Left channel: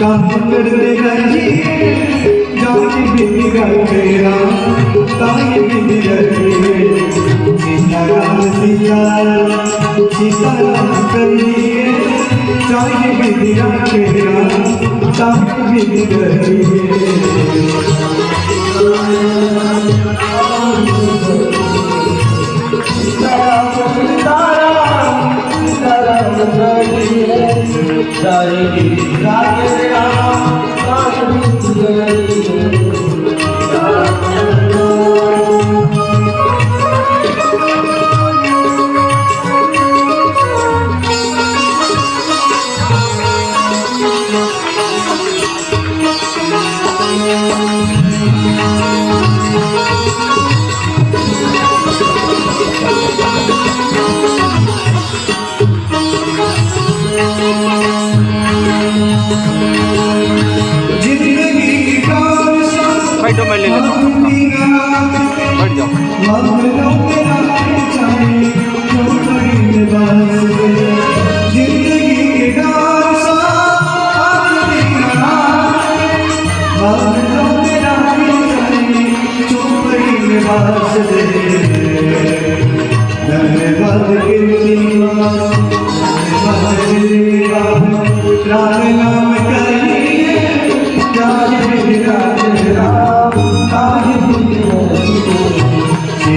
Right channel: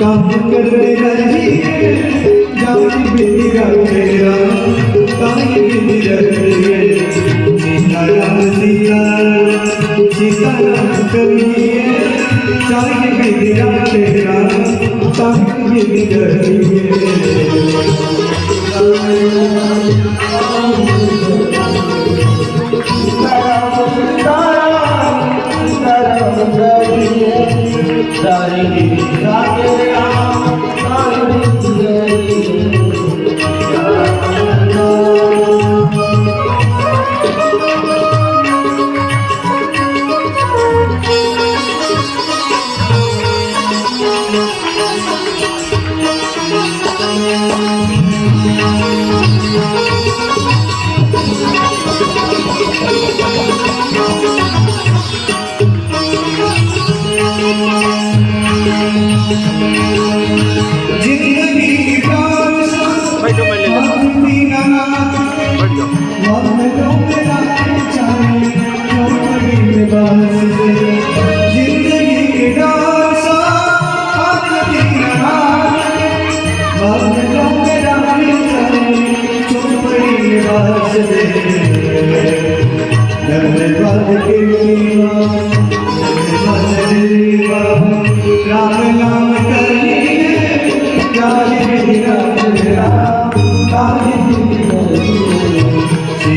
काम करते रहिए जाति बिंदी रखेगा ताई बिंदी रखिए सीताराम सीताराम सीताराम करिए जाति बिंदी रखेगा ताई बिंदी रखिए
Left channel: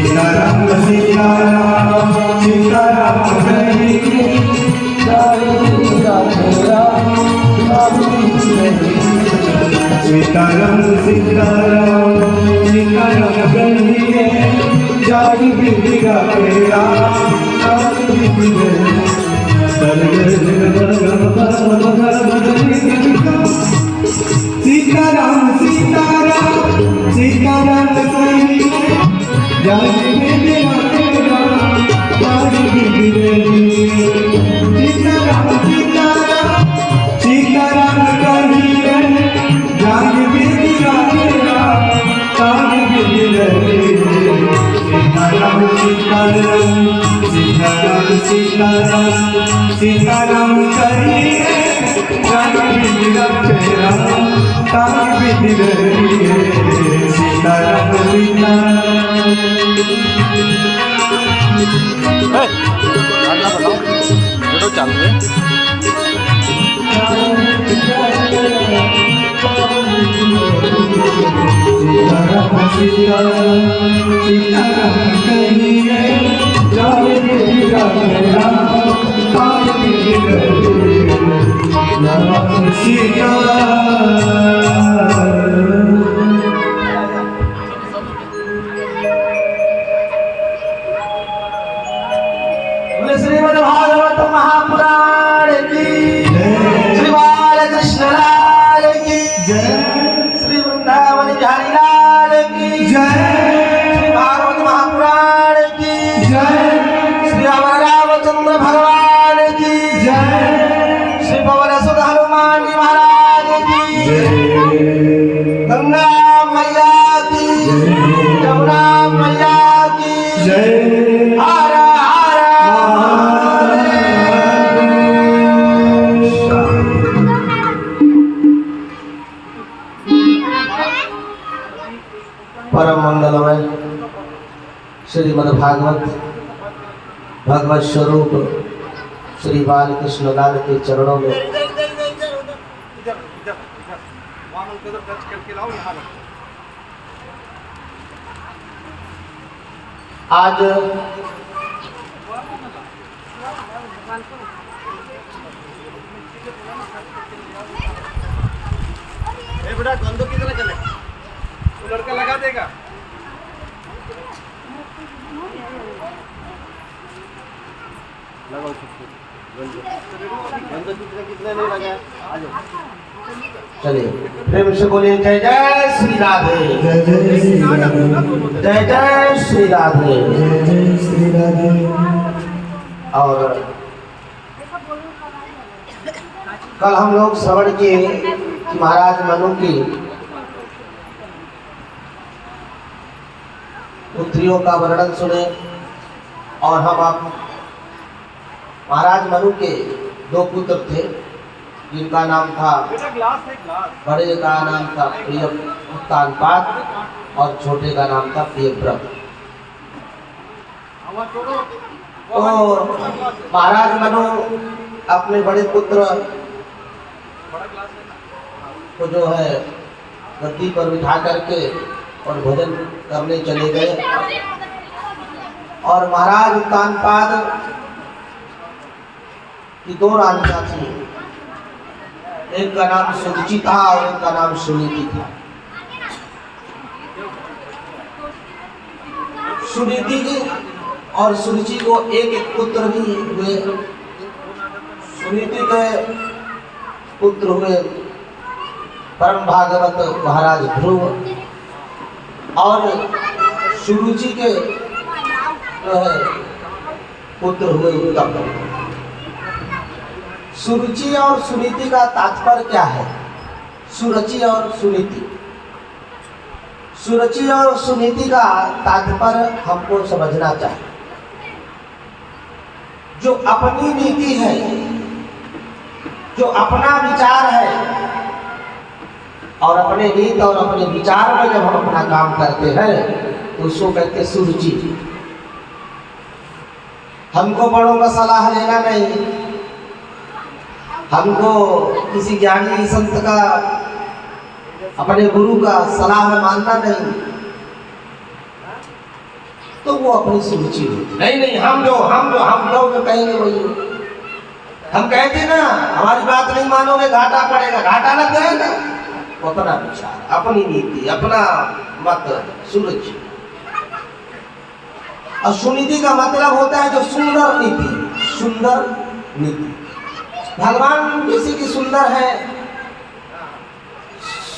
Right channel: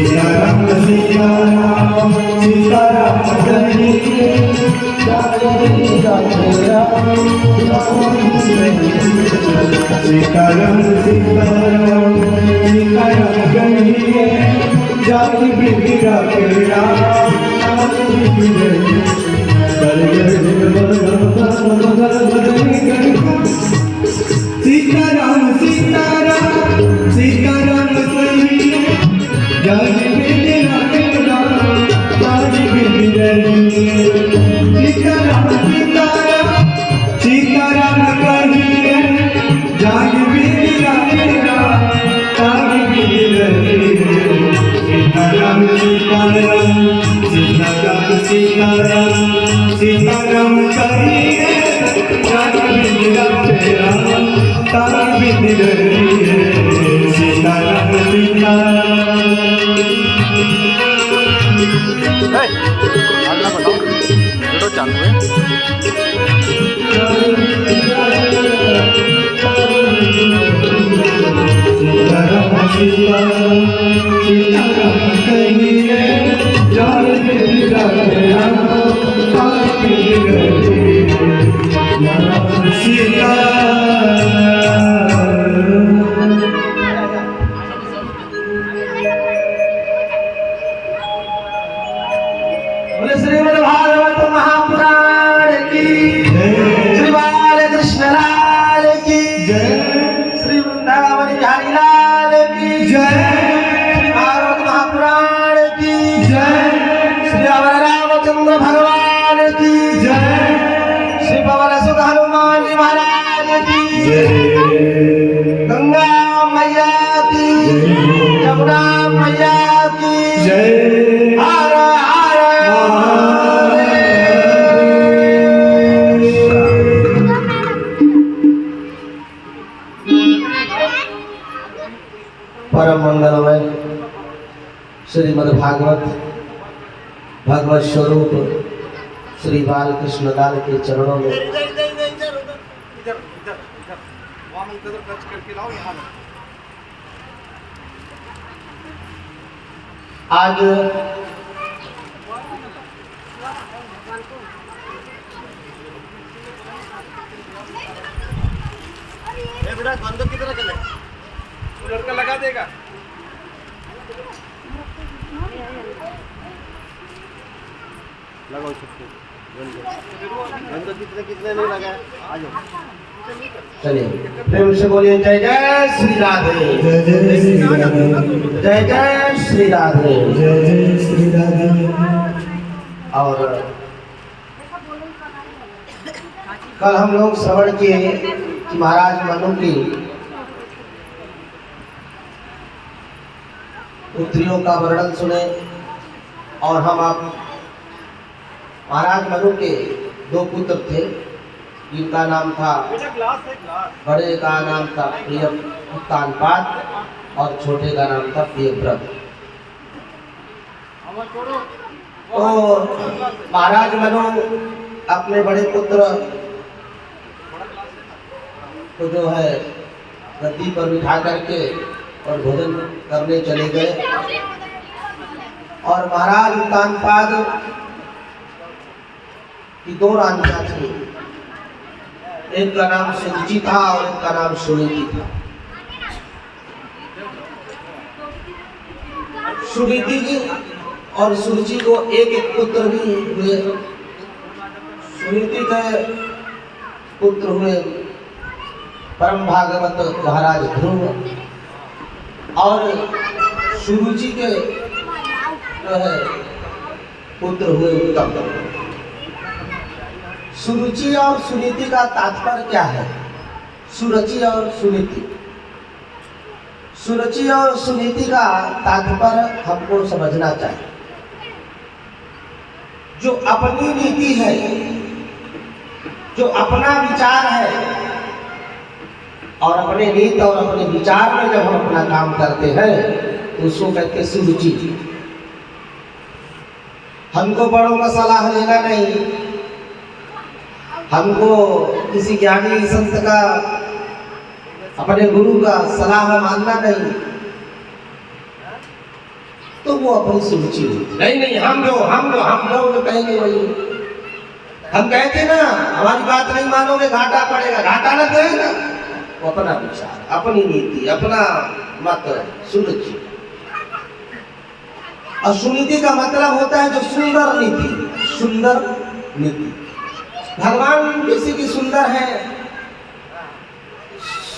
सीताराम सीताराम सीताराम सीताराम सीताराम सीताराम कहिए जाति बिगड़ा तेरा सीताराम सीताराम सीताराम कहिए जाति बिगड़ा तेरा जाति बिगड़ा सीताराम सीताराम सीताराम कहिए जाति बिगड़ा तेरा जाति बिगड़ा सीताराम सीताराम सीताराम सीताराम सीताराम कहिए जाति बिगड़ा तेरा जाति बिगड़ा सीताराम सीताराम गाना बताओ वीडियो चालू है सीताराम सीताराम सीताराम कहिए जाति बिगड़ा तेरा जाति बिगड़ा श्रीमद् भागवत महापुराण की श्री बालकृष्ण लाल की श्री वृंदावन बिहारी लाल की श्री भागवत महापुराण की श्री रामचंद्र भगवान की श्री पवन सुत हनुमान जी महाराज की गंगा मैया की यमुना मैया की हर हर परम मंगलमय श्रीमद् भागवत भगवत स्वरूप श्री बालकृष्ण लाल के चरणों में आज बेटा गंद किधर चले वो लड़का लगा देगा लगाओ गंद कितने नहीं लगा आ जाओ चलिए प्रेम से बोलिए जय जय श्री राधे जय जय श्री राधे और कल हम लोग श्रवण किए कि महाराज मनु की पुत्रियों का वर्णन सुने और हम आप महाराज मनु के 2 पुत्र थे जिनका नाम था, बेटा ग्लास है ग्लास। बड़े का नाम था प्रिय उत्तानपाद और छोटे का नाम था प्रियव्रत। आवाज छोड़ो। तो महाराज मनु अपने बड़े पुत्र को जो है गद्दी पर बिठा करके और भोजन करने चले गए और महाराज उत्तानपाद की 2 रानियां थी, एक का नाम सुरुचि था और एक का नाम सुनीति था। सुनीति की और सुरुचि को एक पुत्र भी हुए। सुनीति के पुत्र हुए परम भागवत महाराज ध्रुव और सुरुचि के जो है पुत्र हुए उत्तम। सुरुचि और सुनीति का तात्पर्य क्या है? सुरुचि और सुनीति, सुरुचि और सुनीति का तात्पर्य हमको समझना चाहिए। जो अपनी नीति है, जो अपना विचार है और अपने नीति और अपने विचार में जब हम अपना काम करते हैं तो उसको कहते हैं सुरुचि। हमको बड़ों का सलाह लेना नहीं, हमको किसी ज्ञानी संत का, अपने गुरु का सलाह मानना नहीं, तो वो अपनी सुरुचि होती। नहीं हम जो कहेंगे वही। हम कहते ना हमारी बात नहीं मानोगे घाटा पड़ेगा, घाटा लग गया ना, अपना विचार, अपनी नीति, अपना मत, सुरुचि। और सुनीति का मतलब होता है जो सुंदर नीति, सुंदर नीति। भगवान जैसे कि सुंदर है,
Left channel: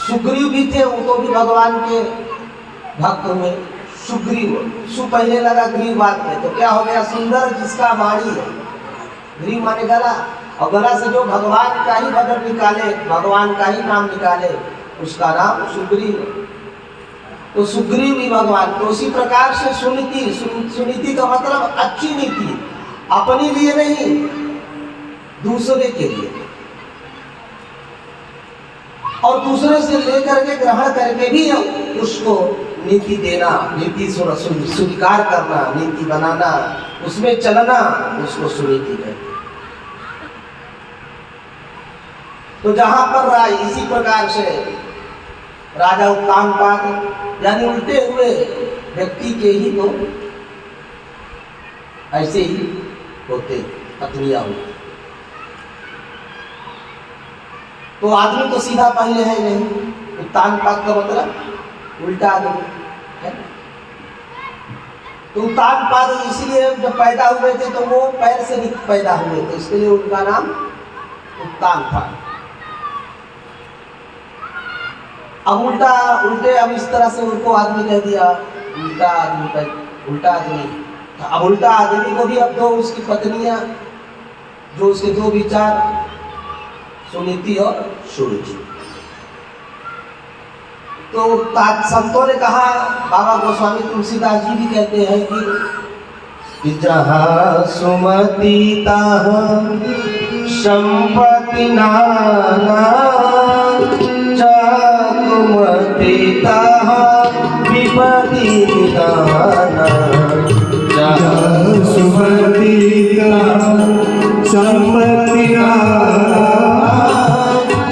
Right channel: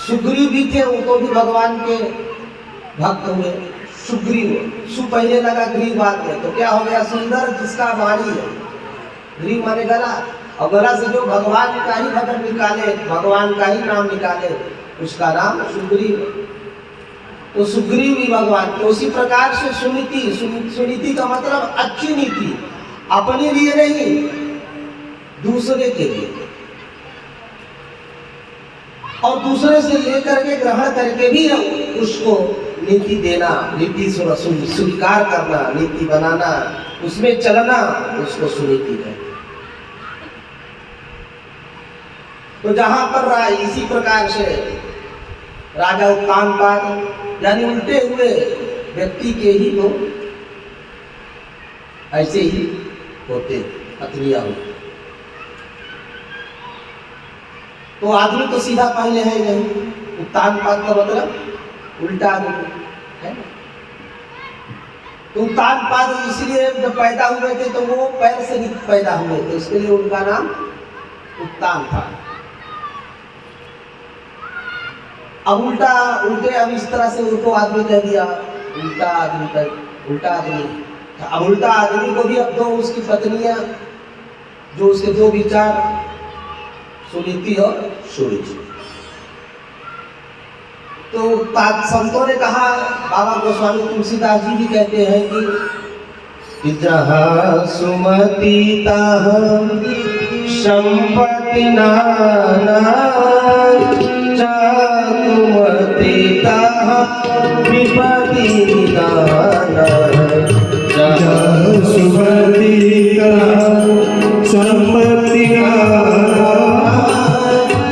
सुग्रीव भी थे, वो तो भी भगवान के भक्त हुए। सुग्रीव, सु पहले लगा ग्रीव बाद में, तो क्या हो गया? सुंदर जिसका वाणी है, ग्रीव माने गला, और गला से जो भगवान का ही भजन निकाले, भगवान का ही नाम निकाले, उसका नाम सुग्रीव। तो सुग्रीव भी भगवान। तो उसी प्रकार से सुनीति, सुनीति का मतलब अच्छी नीति, अपने लिए नहीं, दूसरे के लिए, और दूसरे से लेकर के ग्रहण करके भी उसको नीति देना, नीति स्वीकार करना, नीति बनाना, उसमें चलना, उसको सुनीति कहते। तो जहां पर इसी प्रकार से राजा उत्तानपाद यानी उल्टे हुए व्यक्ति के ही तो ऐसे ही होते, पत्नियां होती। तो आदमी तो सीधा पहले है नहीं, उत्तानपाद का मतलब उल्टा आदमी है। तो उत्तानपाद इसलिए जब पैदा हुए थे तो वो पैर से पैदा हुए थे, इसके लिए उनका नाम उत्तानपाद। अब उल्टे अब इस तरह से उनको आदमी कह दिया, उल्टा आदमी। अब उल्टा आदमी को भी अब 2 उसकी पत्नियां, जो उसके 2 विचार, सुनीति और सुरुचि। तो संतों ने कहा, बाबा गोस्वामी तुलसीदास जी भी कहते हैं कि जहाँ सुमति तहाँ संपत्ति नाना, कुमति तहाँ विपत्ति निदाना। जहाँ सुमति तहाँ संपत्ति नाना,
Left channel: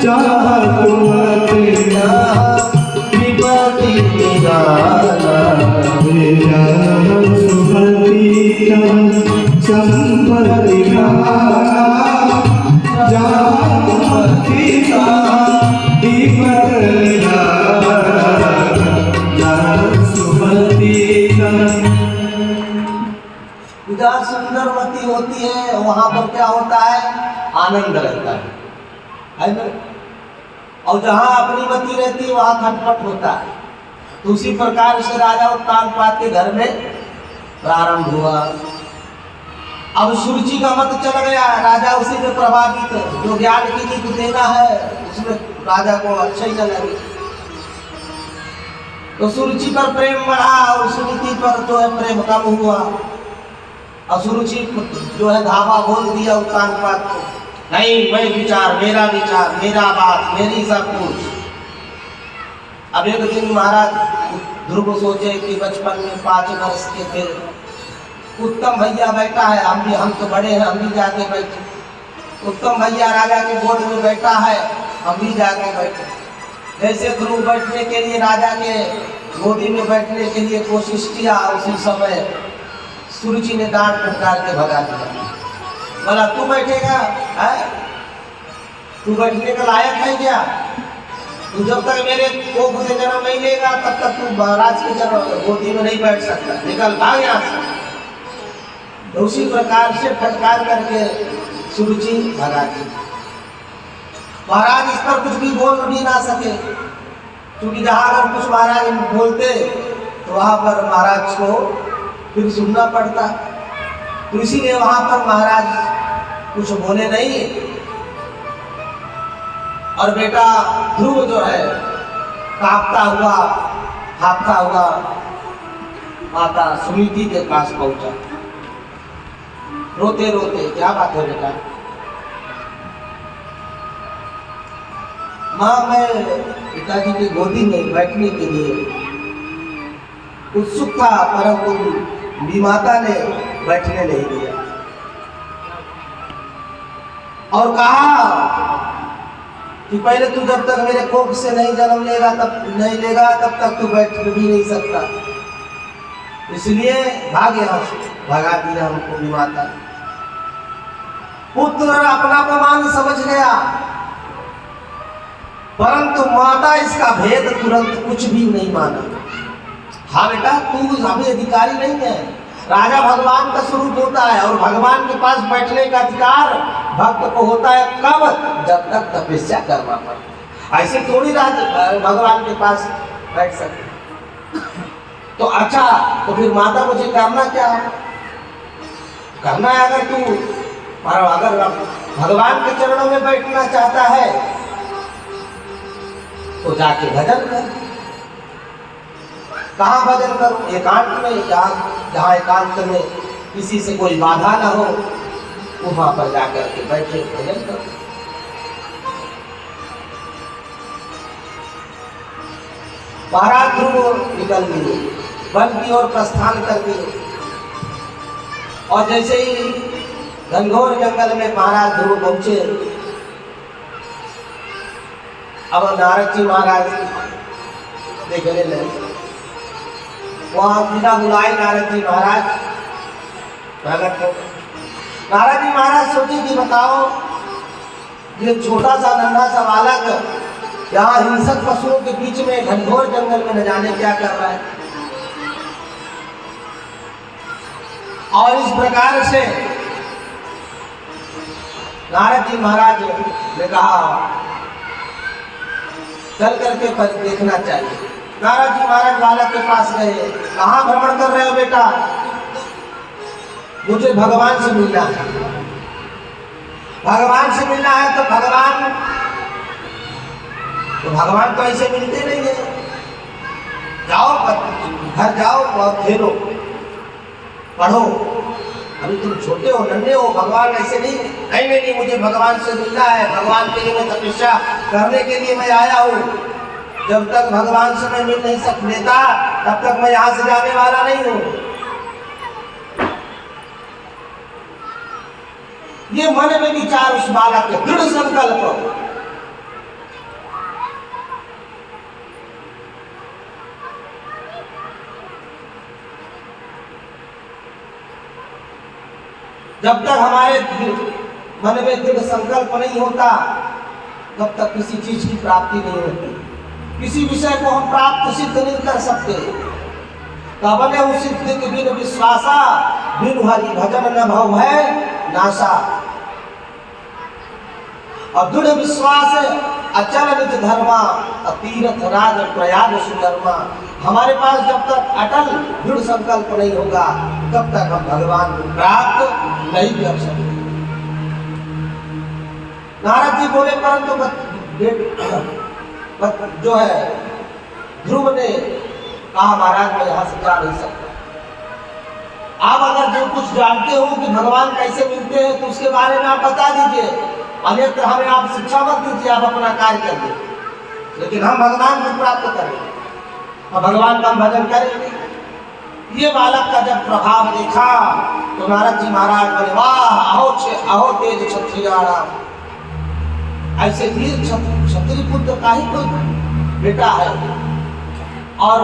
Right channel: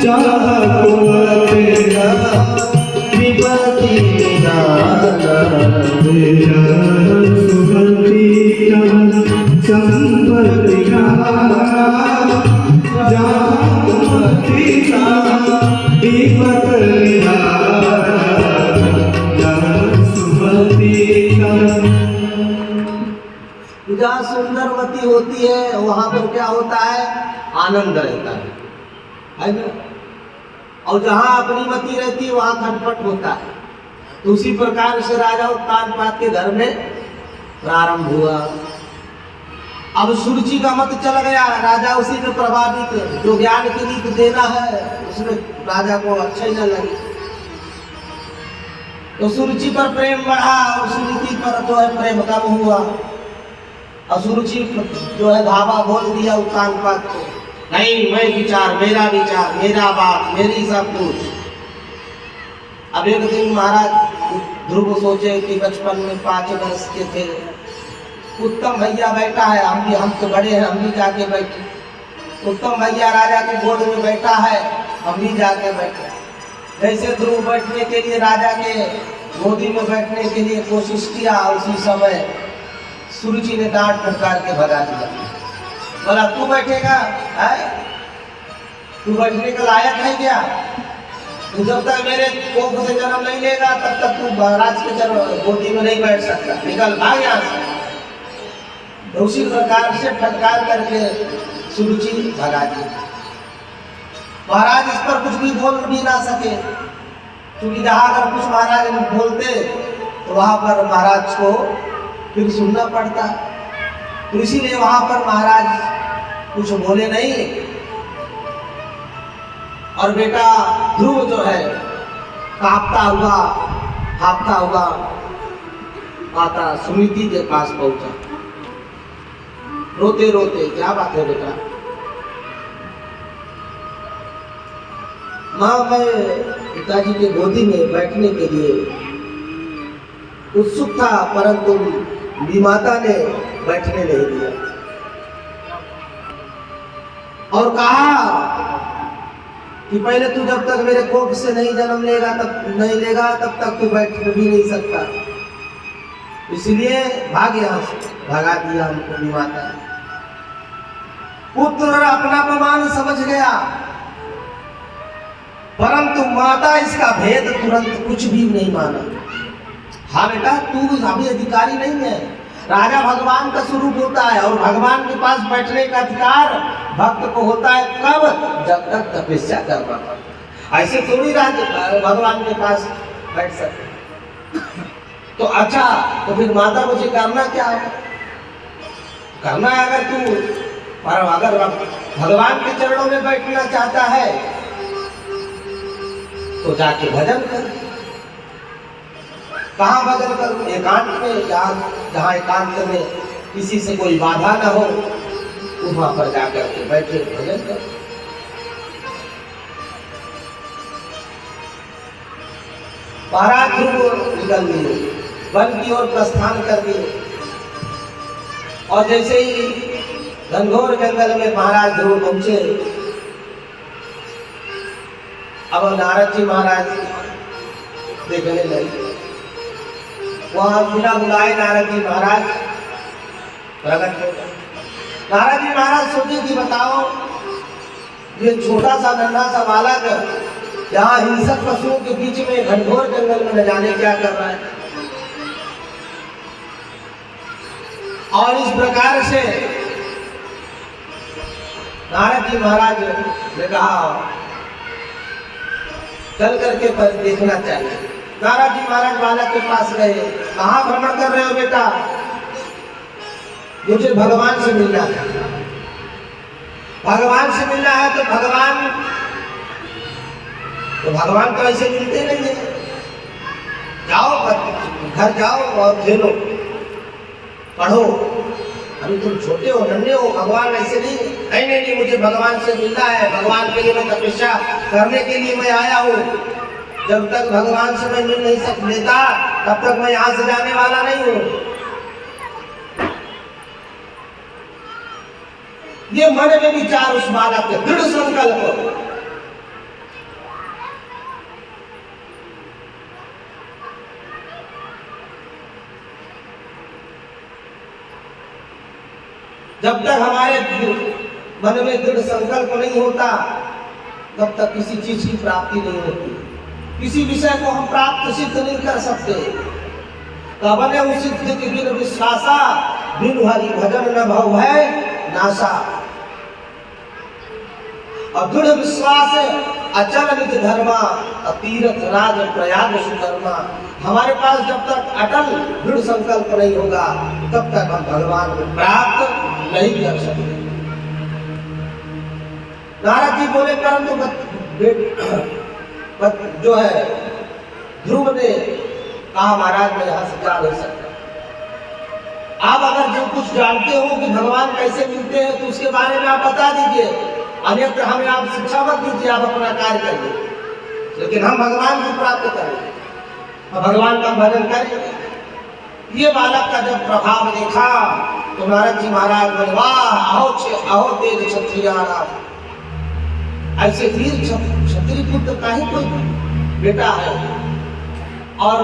जहाँ कुमति तहाँ विपत्ति निदाना। जहाँ सुमति तहाँ संपत्ति नाना, जहाँ कुमति तहाँ विपत्ति निदाना। जहाँ सुमति तहाँ, जहाँ सुंदरवती होती है वहां पर क्या होता है? आनंद रहता है ना। और जहाँ अपनी मति रहती है वहाँ खटपट होता है। तो उसी प्रकार से राजा उत्तानपाद के घर में प्रारंभ हुआ। अब सुरुचि का मत चल गया, राजा उसी में प्रभावित, जो ज्ञान की रीत देना है उसमें राजा को अच्छा ही न लगे, तो सुरुचि पर प्रेम बढ़ा और सुनीति पर जो है प्रेम कम हुआ। और सुरुचि जो है धावा बोल दिया उत्तान पात को, नहीं मैं विचार, मेरा बात, मेरी सब कुछ। अब एक दिन महाराज ध्रुव सोचे कि बचपन में 5 वर्ष के थे, उत्तम भैया बैठा है, हम तो बड़े हैं, हम भी जाके बैठे। उत्तम भैया राजा के गोद में बैठा है, हम भी जाके बैठे। जैसे ध्रुव बैठने के लिए राजा के गोदी में बैठने के लिए कोशिश किया, उसी समय सुरुचि ने डांट फटकार के भगा दिया। बोला तू बैठेगा है, तू बैठने के लायक है क्या? तू जब तक मेरे कोख से जन्म नहीं लेगा तब तक तू महाराज के गोदी में नहीं बैठ सकता, निकल भाग यहाँ से। तो उसी प्रकार से फटकार करके सुरुचि भगा दी। महाराज इस पर कुछ भी बोल भी ना सके, क्योंकि जहाँ अगर कुछ महाराज बोलते तो वहाँ पर महाराज को फिर सुनना पड़ता, तो इसीलिए वहाँ पर महाराज कुछ बोले नहीं। और बेटा ध्रुव जो है कांपता हुआ, हाथता हुआ माता सुनीति के पास पहुंचा, रोते रोते, क्या बात है बेटा? माँ मैं पिताजी के गोदी में बैठने के लिए उत्सुक था, परंतु विमाता ने बैठने नहीं दिया और कहा कि पहले तू जब तक मेरे कोख से नहीं जन्म लेगा तब तक तू बैठ भी नहीं सकता, इसलिए भाग यहाँ से, भगा दिया हमको विमाता। पुत्र अपना अपमान समझ गया, परंतु माता इसका भेद तुरंत कुछ भी नहीं माना। हाँ बेटा तू अभी अधिकारी नहीं है, राजा भगवान का स्वरूप होता है और भगवान के पास बैठने का अधिकार भक्त को होता है कब? जब तक तपस्या करना पड़ता। ऐसे थोड़ी राजा भगवान के पास बैठ सकते। तो अच्छा, तो फिर माता मुझे करना क्या है? करना है अगर तू, पर अगर भगवान के चरणों में बैठना चाहता है तो जाके भजन कर। कहाँ भजन करूं? एकांत में, जहाँ एकांत में किसी से कोई बाधा ना हो, वहां पर जाकर के बैठे भजन करो। महाराज ध्रुव निकल दिए, वन की ओर प्रस्थान कर दिए और जैसे ही घनघोर जंगल में महाराज ध्रुव पहुंचे, अब नारद जी महाराज देखने लगे। वहां बिना बुलाए नारद जी महाराज प्रकट हो गए। नारद जी महाराज सोचे कि बताओ ये छोटा सा नन्हा सा बालक यहाँ हिंसक पशुओं के बीच में घनघोर जंगल में न जाने क्या कर रहा है। और इस प्रकार से नारद जी महाराज ने कहा चल करके देखना चाहिए। नारद जी महाराज बालक के पास गए, कहाँ भ्रमण कर रहे हो बेटा? मुझे भगवान से मिलना है। भगवान से मिलना है तो भगवान तो ऐसे मिलते नहीं है। जाओ घर जाओ और खेलो पढ़ो, अभी तुम छोटे हो, नन्हे हो, भगवान ऐसे नहीं, मुझे भगवान से मिलना है। भगवान के लिए मैं तपस्या करने के लिए मैं आया हूँ। जब तक भगवान से मैं मिल नहीं लेता तब तक मैं यहाँ से जाने वाला नहीं हूँ। ये मन में विचार उस बालक के दृढ़ संकल्प। जब तक हमारे मन में दृढ़ संकल्प नहीं होता तब तक किसी चीज की प्राप्ति नहीं होती। किसी विषय को हम प्राप्त सिद्ध नहीं कर सकते। कबने सिद्ध के बिन विश्वासा, बिन हरि भजन न भव है नासा। और दृढ़ विश्वास अचल निज धर्मा तीर्थ राज प्रयाग सुकर्मा। हमारे पास जब तक अटल दृढ़ संकल्प नहीं होगा तब तक हम भगवान को प्राप्त नहीं कर सकते। नारद जी बोले परंतु जो है ध्रुव ने कहा महाराज मैं यहाँ से जा नहीं सकता। आप अगर जो कुछ जानते हो कि भगवान कैसे मिलते हैं तो उसके बारे में आप बता दीजिए, अन्यथा हमें आप शिक्षा मत दीजिए, आप अपना कार्य करिए, लेकिन हम भगवान को प्राप्त करेंगे, हम भगवान का भजन करेंगे। ये बालक का जब प्रभाव देखा तो नारद जी महाराज बोले वाह अहो तेज क्षत्रियारा, ऐसे वीर क्षत्रिय पुत्र का ही कोई बेटा है। और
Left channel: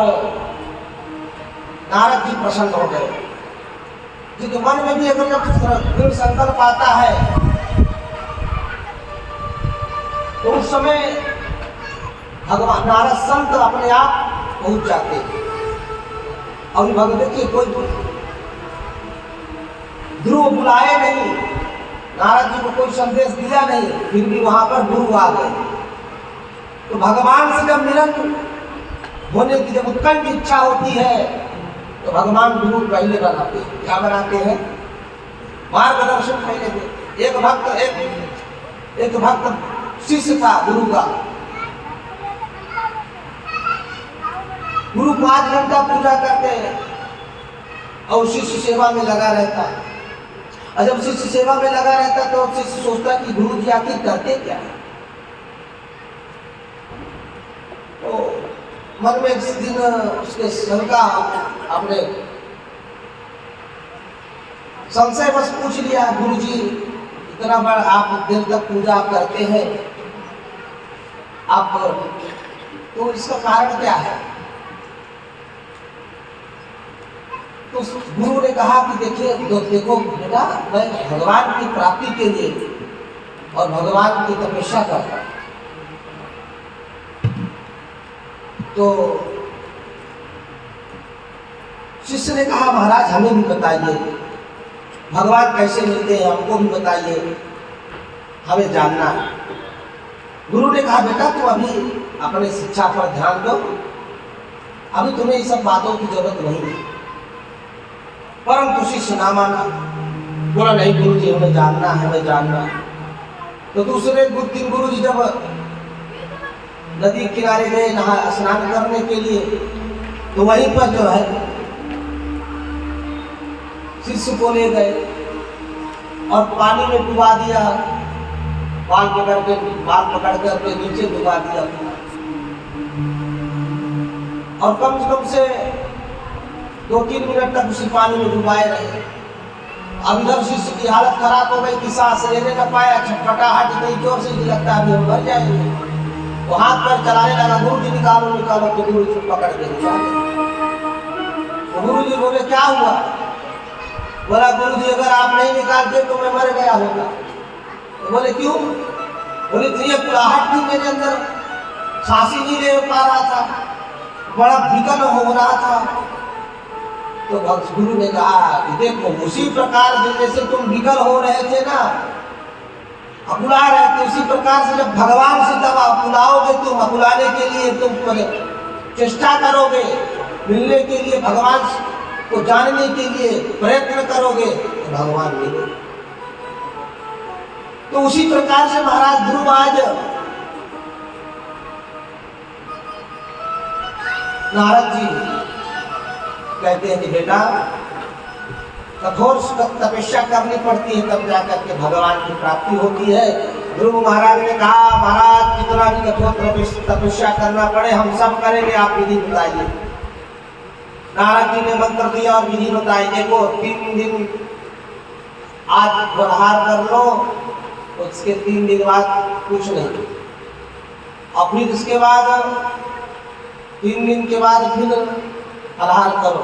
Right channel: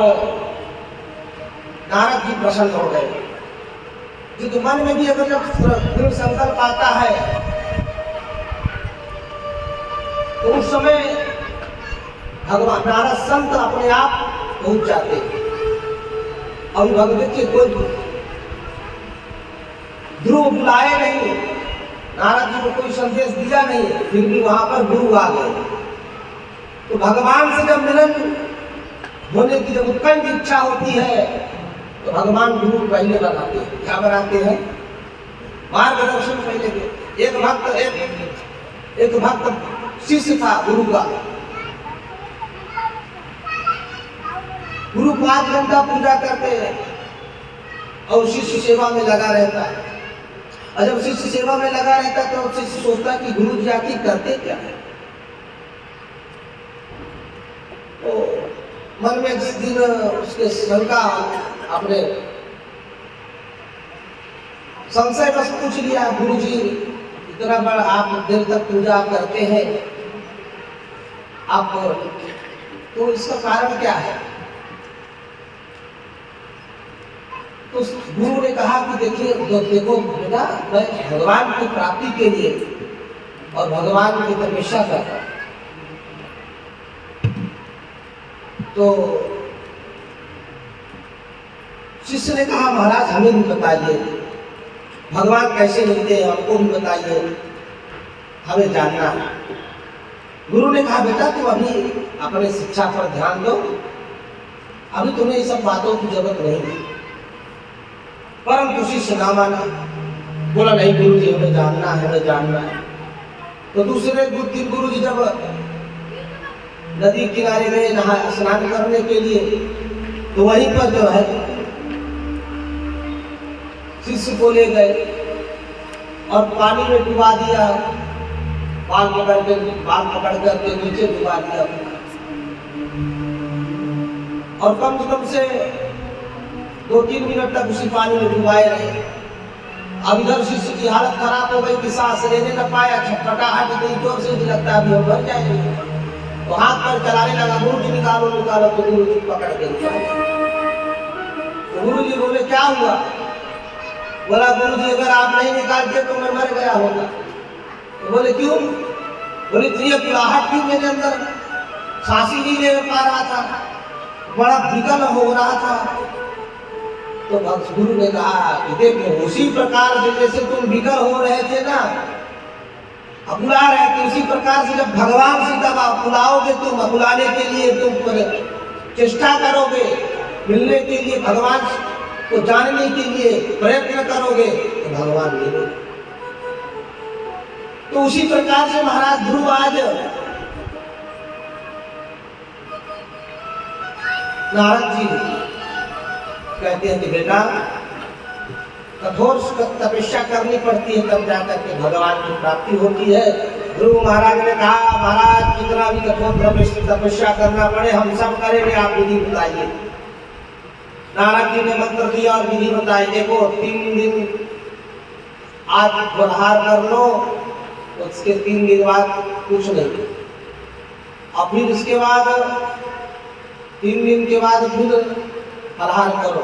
नारद जी प्रसन्न हो गए, क्योंकि मन में भी अगर जब दृढ़ संकल्प आता है तो उस समय भगवान नारद संत अपने आप पहुंच जाते। और भगवान देखिए कोई ध्रुव बुलाए नहीं, नारद जी को कोई संदेश दिया नहीं, फिर भी वहां पर गुरु आ गए। तो भगवान से जब मिलन होने की जब उत्कंठ इच्छा होती है तो भगवान गुरु पहले बनाते हैं। क्या बनाते हैं? मार्गदर्शन पहले दे। एक भक्त शिष्य था गुरु का, गुरु 5 घंटा पूजा करते हैं और शिष्य सेवा में लगा रहता है। और जब शिष्य सेवा में लगा रहता है तो शिष्य सोचता है कि गुरु जी आखिर करते क्या है। तो मन में जिस दिन उसके शंका अपने संशय बस पूछ लिया, गुरु जी इतना बड़ा आप देर तक पूजा करते हैं, आप तो इसका कारण क्या है? तो गुरु ने कहा कि देखिए देखो बेटा, मैं भगवान की प्राप्ति के लिए और भगवान की तपस्या करता हूं। तो शिष्य ने कहा महाराज हमें भी बताइए, भगवान कैसे मिलते हैं हमको भी बताइए, हमें जानना है। गुरु ने कहा बेटा तुम अभी अपने शिक्षा पर ध्यान दो, अभी तुम्हें ये सब बातों की जरूरत नहीं है। परंतु शिष्य ना माना, बोला नहीं गुरु जी हमें जानना है, हमें जानना है। तो दूसरे दिन गुरु जी जब नदी किनारे गए नहा स्नान करने के लिए तो वहीं पर जो है शिष्य को ले गए और पानी में डुबा दिया, बाल पकड़ कर अपने नीचे डुबा दिया और कम से कम से 2-3 मिनट तक उसी पानी में डुबाए रहे। अब इधर शिष्य की हालत खराब हो गई कि सांस लेने न पाया, छटपटाहट इतनी जोर से लगता है अभी हम मर जाएंगे। तो हाथ पैर चलाने लगा, गुरु जी निकालो निकालो, तो गुरु जी पकड़ के निकाले। तो गुरु जी बोले क्या हुआ? बोला गुरु जी अगर आप नहीं निकालते तो मैं मर गया होगा। तो बोले क्यों? बोले ये कुलाहट थी मेरे अंदर, सांस ही नहीं ले पा रहा था, बड़ा विकल हो रहा था। तो गुरु ने कहा कि देखो उसी प्रकार से जैसे तुम विकल हो रहे थे ना, बुला रहे थे, उसी प्रकार से जब भगवान से दबा बुलाओगे तुम, बुलाने के लिए तुम चेष्टा करोगे, मिलने के लिए भगवान को जानने के लिए प्रयत्न करोगे तो भगवान मिले। तो उसी प्रकार से महाराज ध्रुव आज नारद जी कहते हैं कि बेटा कठोर तपस्या करनी पड़ती है तब जाकर के भगवान की प्राप्ति होती है। ध्रुव महाराज ने कहा महाराज कितना भी कठोर तपस्या करना पड़े हम सब करेंगे, आप विधि बताइए। नारद जी ने मंत्र दिया और विधि बताई। देखो 3 दिन आज बढ़ार कर लो, उसके 3 दिन बाद कुछ नहीं, और फिर इसके बाद 3 दिन के बाद फिर फलाहार करो,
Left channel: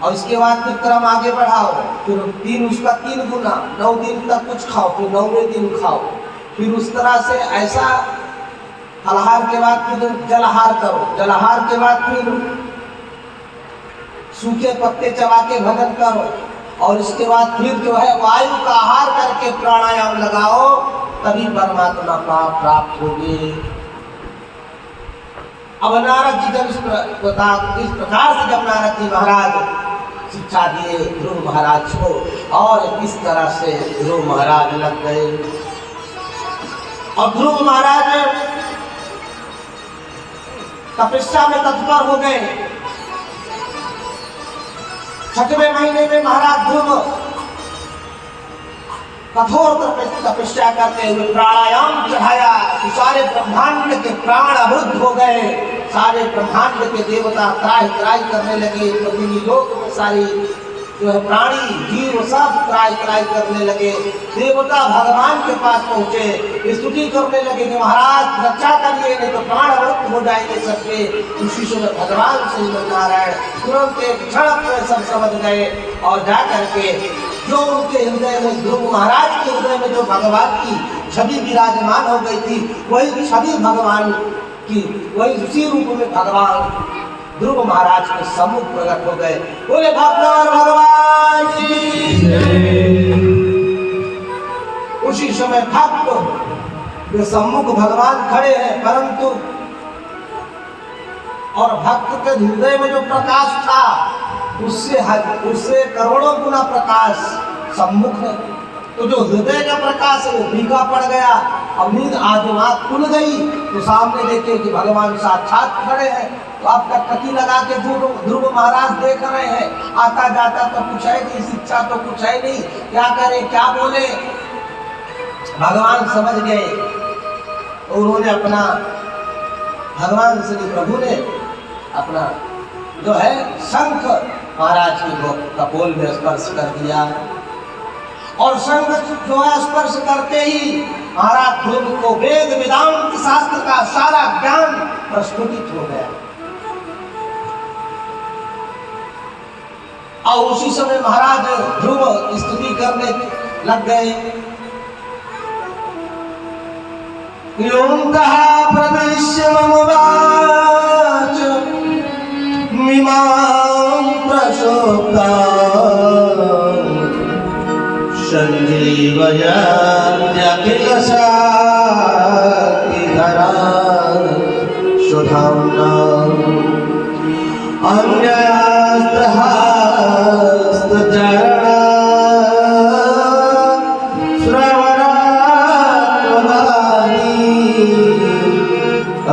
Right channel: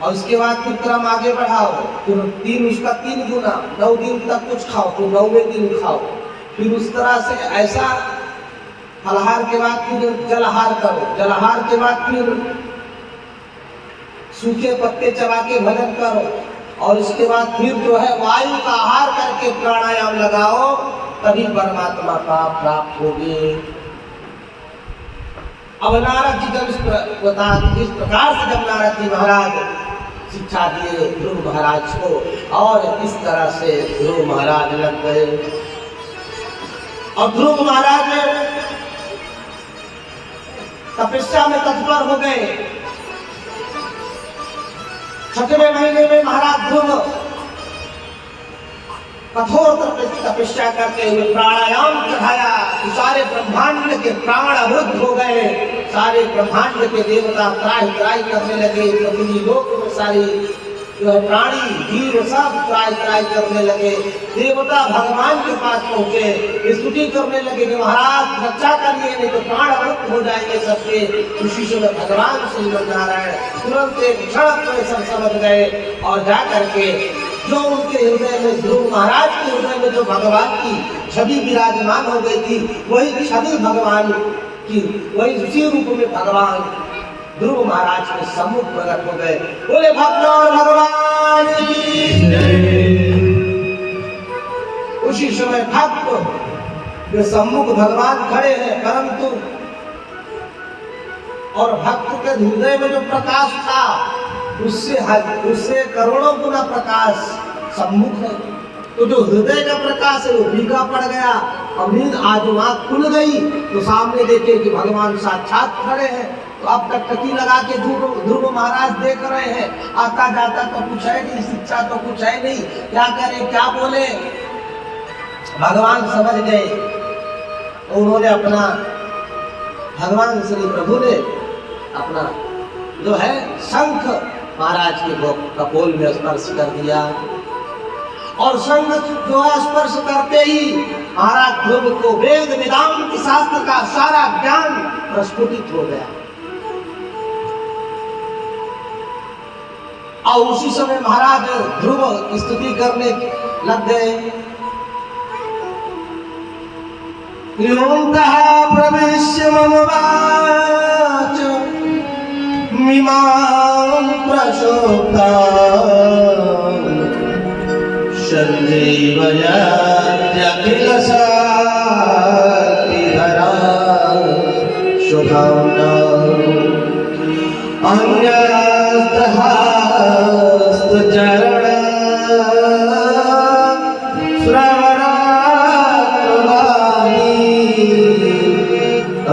और इसके बाद फिर क्रम आगे बढ़ाओ, फिर 3 गुना 9 दिन तक कुछ खाओ, फिर 9वें दिन खाओ, फिर उस तरह से ऐसा फलाहार के बाद फिर जलाहार करो, जलाहार के बाद फिर सूखे पत्ते चबा के भजन करो, और इसके बाद फिर जो है वायु का आहार करके प्राणायाम लगाओ, तभी परमात्मा प्राप्त होगी। अब नारद जी जब इस प्रकार से जब नारद जी महाराज शिक्षा दिए ध्रुव महाराज को, और इस तरह से ध्रुव महाराज लग गए। और ध्रुव महाराज तपस्या में तत्पर हो गए। 6वें महीने में महाराज ध्रुव कठोर तपस्या करते हुए प्राणायाम चढ़ाया तो सारे ब्रह्मांड के प्राण अवरुद्ध हो गए। सारे ब्रह्मांड के देवता त्राहि त्राहि करने लगे। कभी लोग में सारी जो है प्राणी जीव सब त्राहि त्राहि करने लगे। देवता भगवान के पास पहुंचे, स्तुति करने लगे कि महाराज रक्षा करिए, नहीं तो प्राण अवरुद्ध हो जाएंगे सबके। उसी समय भगवान श्रीमन नारायण तुरंत एक क्षण में सब समझ गए और जा करके जो उनके हृदय में ध्रुव महाराज के हृदय में जो भगवान की छवि विराजमान हो गई थी, वही छवि भगवान की, वही उसी रूप में भगवान ध्रुव महाराज के सम्मुख प्रकट हो गए। बोले भक्त और भगवान उसी समय भक्त के सम्मुख भगवान खड़े हैं, परंतु और भक्त के हृदय में जो प्रकाश था उससे करोड़ों गुना प्रकाश सम्मुख है। तो जो हृदय का प्रकाश है वो फीका पड़ गया। अब नींद आज आँख खुल गई तो सामने देखे कि भगवान साक्षात खड़े हैं। तो आप टकटकी लगा के ध्रुव महाराज देख रहे हैं, आता जाता तो कुछ है नहीं, शिक्षा तो कुछ है नहीं, क्या करें क्या बोले। भगवान समझ गए और उन्होंने अपना भगवान श्री प्रभु ने अपना जो है शंख महाराज के कपोल में स्पर्श कर दिया, और शंख जो है स्पर्श करते ही महाराज ध्रुव को वेद वेदांत शास्त्र का सारा ज्ञान प्रस्फुटित हो गया। और उसी समय महाराज ध्रुव स्तुति करने लग गए। योऽन्तः प्रविश्य मम वाच मिमां प्रसोक्ता सञ्जीवयत्यखिल शक्तिधरा सुधाम्ना अंगहस्तचरण